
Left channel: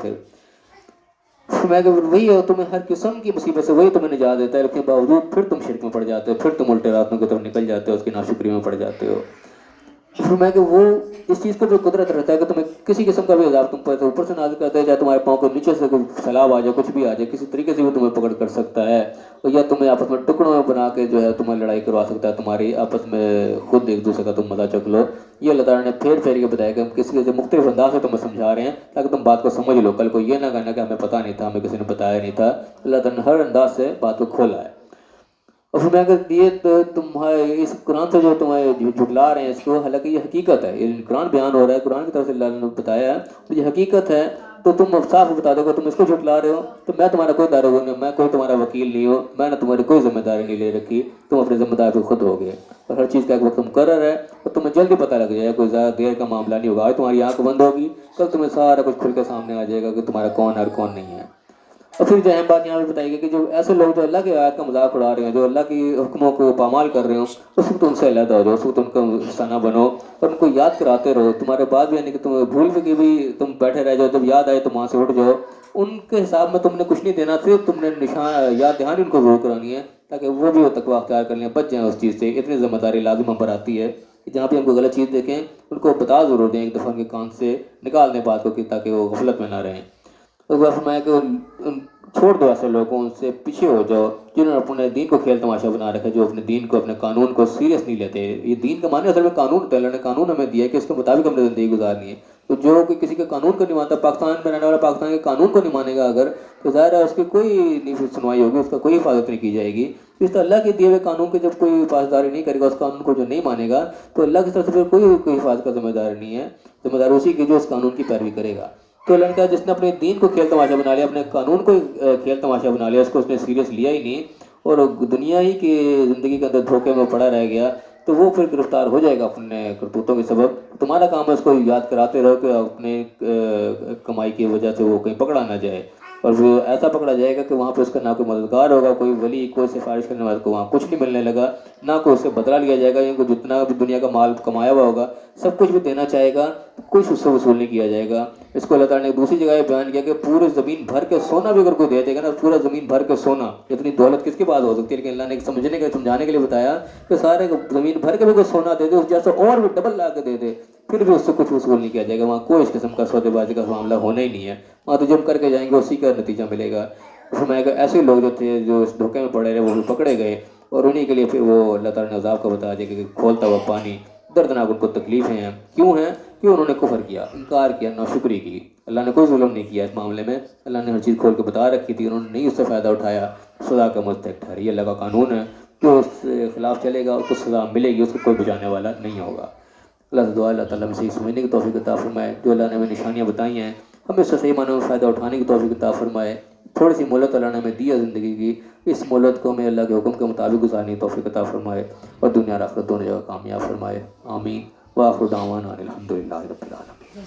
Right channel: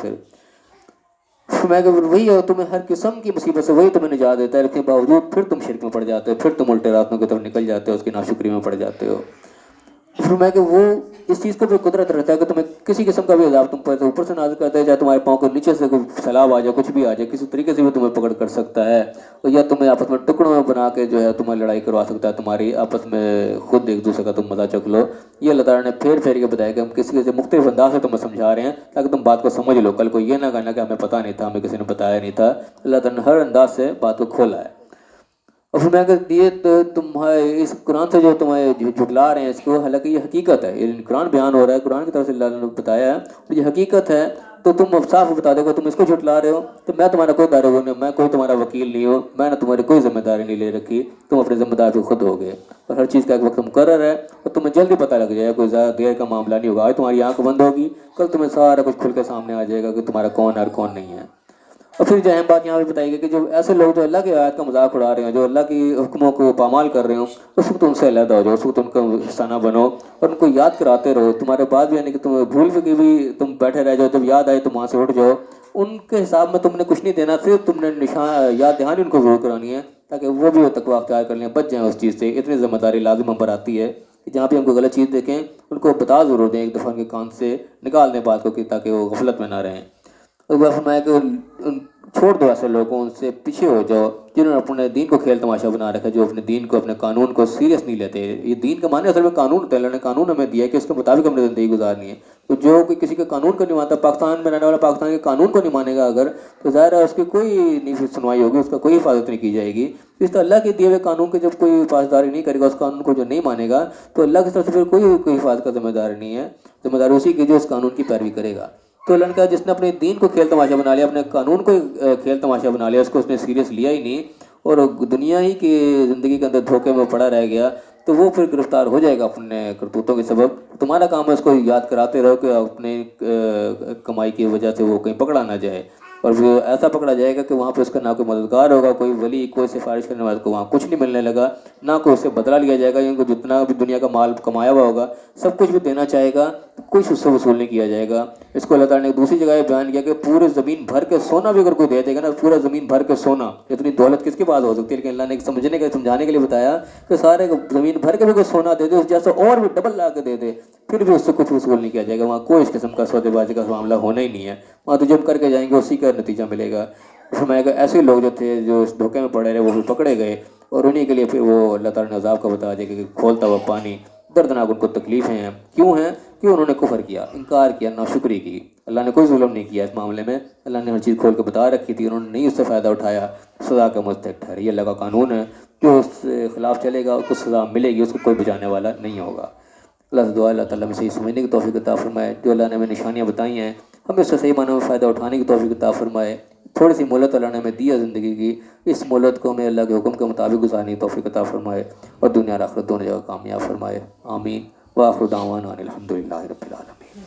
میں کہ وہی ہو, تمہیں ہر قسم کی مصیبت سے وہی تمہیں نجات دیتا ہے, لیکن باوجود پھر تم شرک میں پڑ جاتے ہو, پھر تم الٹے راستوں کی طرف نکل جاتے ہو, اس کی ناشکری میں پڑ جاتے ہو. پھر میں کہ وہ اس چیز کو بھی قدرت رہتا ہے کہ تمہیں کسی قسم کا بھی عذاب تم پر اوپر سے نازل کرتا ہے, چاہے تمہارے پاؤں کے نیچے سے کوئی سیلاب آ جائے, کچھ بھی آ جائے, کسی طریقے سے بھی تمہیں پکڑ کر سکتا ہے, اور یا تمہیں آپس میں ٹکڑوں میں بنا کے جو ہے تمہیں لڑائی کروا سکتا ہے, تمہاری آپس میں خود ایک دوسرے کا تم مزہ چکھ لو. یہ اللہ تعالیٰ نے پھیر کے بتایا کہ ہم کسی سے مختلف انداز سے تمہیں سمجھا رہے ہیں تاکہ تم بات کو سمجھ لو. کل کو یہ نہ کہنا کہ ہمیں پتہ نہیں تھا, ہمیں کسی نے بتایا نہیں تھا. اللہ تعالیٰ نے ہر انداز سے بات کو کھولا ہے. اور پھر میں کہ یہ تمہارے اس قرآن سے جو تمہیں جھٹلا رہے ہیں, اس کو حالانکہ یہ حقیقت ہے, یہ قرآن بیان ہو رہا ہے, قرآن کی طرف سے اللہ نے بتایا ہے, تو یہ حقیقت ہے. تو تم صاف بتا دو کہ تم اس کو جھٹلا رہے ہو, تو میں تمہارا کوئی داروغ نہیں, میں کوئی تمہارا وکیل نہیں ہوں, میں نے تمہاری کوئی ذمہ داری نہیں لے رکھی, تم اپنے ذمہ دار پہ خود ہو گئے. اور ہر چیز کا ایک وقت مقرر ہے, اور تمہیں جلدی پتہ لگ جائے گا, کوئی زیادہ دیر کا معاملہ نہیں ہوگا. آج تمہاری آنکھ بند ہوگی, کل تمہیں سارا کچھ کھل کے سامنے آ جائے گا کہ تمہارا کون ہے اور کون نہیں ہے. اور پھر جو اہم بات یہاں پہ بتائی گئی کہ جو ایسے لوگ جو اللہ کی آیات کا مذاق اڑا رہے ہیں, جو اللہ کی حکموں کو پامال کر رہے ہوں, اس وقت ان سے علیحدہ ہو جاؤ, اس وقت ان کا حصہ نہ بنو, اور ان کو یاد کراتے رہو. تمہارے بعد بھی یعنی کہ تمہیں بھول کے بھی تم بیٹھے رہ جاؤ, جب یاد آئے تو وہاں سے اٹھ جاؤ. ان کے حساب میں تم نے کچھ نہیں دینا, صرف تم نے نشان یاد دہانی ان کو ضرور کرانی ہے تاکہ وہ بھی تقویٰ اختیار کر لیں, بچ جائیں اس چیز سے. اتنی ذمہ داری لازم ہم پر آتی ہے کہ جہاں پہ ہم کو غلط چیز دیکھیں ان کو بتا ضرور دیں, ایک دفعہ ان کے کان سے نکال دیں بات کو, تاکہ وہ غفلت میں نہ رہیں. ایک بار فرمایا کہ چھوڑ دو ایسے لوگوں, ان سے پیچھے ہو جاؤ جنہوں نے اپنے دین کو کھیل تماشا بنا رکھا ہے, جو اپنے دین کو, اپنے قانون کو سیریس نہیں لیتے. یہ دین کا معنی اصل میں قانون ہوتا ہے, اللہ نے قانون ہمیں دیا ہے کہ اس کے مطابق ہم نے زندگی گزارنی ہے. تو جو کہ کسی کے قانون کو نہیں مانتا, پاکستان میں رہنے والا پاکستان کے قانون کو نہیں مانے گا اگر, تو ظاہر ہے اس کی کوئی نہیں سنوائی ہوگی, اس کا کوئی حفاظت نہیں کی جائے گی. اس طرح اللہ کے دیے ہوئے قانون کی جب کوئی پاسداری نہیں کرے گا, اس قانون کو جو نہیں مانے گا, تو اللہ کی طرف سے پھر کوئی حفاظت کا ذمہ دار نہیں ہے. ذمہ دار اسی کی جو اس قانون کی پیروی کرے گا. تو لڑکا جس نے اپنے دین کو کھیل تماشا بنا لیا, اپنے قانون کو کھیل تماشا بنا لیا, اس کو اس نے سیریس لیا ہی نہیں, اور دنیا ہی کی زندگی کے اندر دھوکے میں پڑا رہ گیا, تو وہ پھر گرفتار ہو جائے گا اپنے کرتوتوں کے سبب. تمہارا کام ہے اس کو یاد کراتے رہو کہ اپنے کمائی کی وجہ سے وہ کہیں پکڑا نہ جائے, اور وہ ایسا پکڑا جائے گا کہ وہاں پہ اس کا نہ کوئی مددگار ہوگا, کوئی ولی, کوئی سفارش کرنے والے کو وہاں کچھ نہیں ملنے لگا, نہ کوئی اس سے بدلہ لیا جائے گا. ان کو جتنا بھی دنیا کا مال کمایا ہوا ہوگا سب کچھ بھی دینا چاہے گا, کچھ اس سے وصول نہیں کیا جائے گا. اس کو اللہ تعالیٰ نے دوسری جگہ بیان کیا کہ پورے زمین بھر کے سونا بھی اگر کوئی دے دے گا نا, پورا زمین بھر کے سونا, اتنی دولت کس کے پاس ہو سکتی ہے. لیکن اللہ نے سمجھانے کے لیے بتایا کہ سارے زمین بھر کے بھی کوئی سونا دے دے, اس جیسے اور بھی ڈبل لا کے دے دے, پھر بھی اس سے کچھ وصول نہیں کیا جائے گا. وہاں کوئی اس قسم کا سودے بازی کا معاملہ ہونا ہی نہیں ہے. وہاں تو جو کر کے جائیں گے اسی کا نتیجہ ملے گا. فرمایا کہ ایسے لوگ جو تھے جو اس دھوکے میں پڑے رہے وہ بھی پکڑے گئے، اور انہی کے لیے پھر وہ اللہ تعالیٰ نے عذاب کا بتا دیا کہ کھولتا ہوا پانی، دردناک ان کو تکلیفیں ہیں، کیوں ہیں؟ کہ انہوں نے کفر کیا، انکار کیا، ناشکری کی۔ اللہ نے کوئی ظلم نہیں کیا اس معاملے میں، اللہ نے ہر چیز کھول کے بتا رکھی تھی، انہوں نے نہیں اس سے فائدہ اٹھایا، سزا کا مستحق ٹھہرے۔ یہ اللہ کا قانون ہے، جو اس کے خلاف چلے گا اس کو سزا ملے گی، اس کو کوئی بچانے والا نہیں ہوگا۔ اللہ سے دعا اللہ تعالیٰ میں صحیح سمجھنے کی توفیق عطا فرمائے، جو اللہ نے ہمیں نشانیاں بتائی ہیں ہمیں اس سے صحیح معنی میں فائدہ اٹھانے کی توفیق عطا فرمائے۔ تھوڑی سی مہلت اللہ نے ہمیں دی ہے زندگی کی، اس مہلت کو ہمیں اللہ کے حکم کے مطابق گزارنے کی توفیق عطا فرمائے، اور دنیا اور آخرت دونوں جگہ کامیاب فرمائے، آمین۔ وآخر دعوانا ان الحمد للہ رب العالمین۔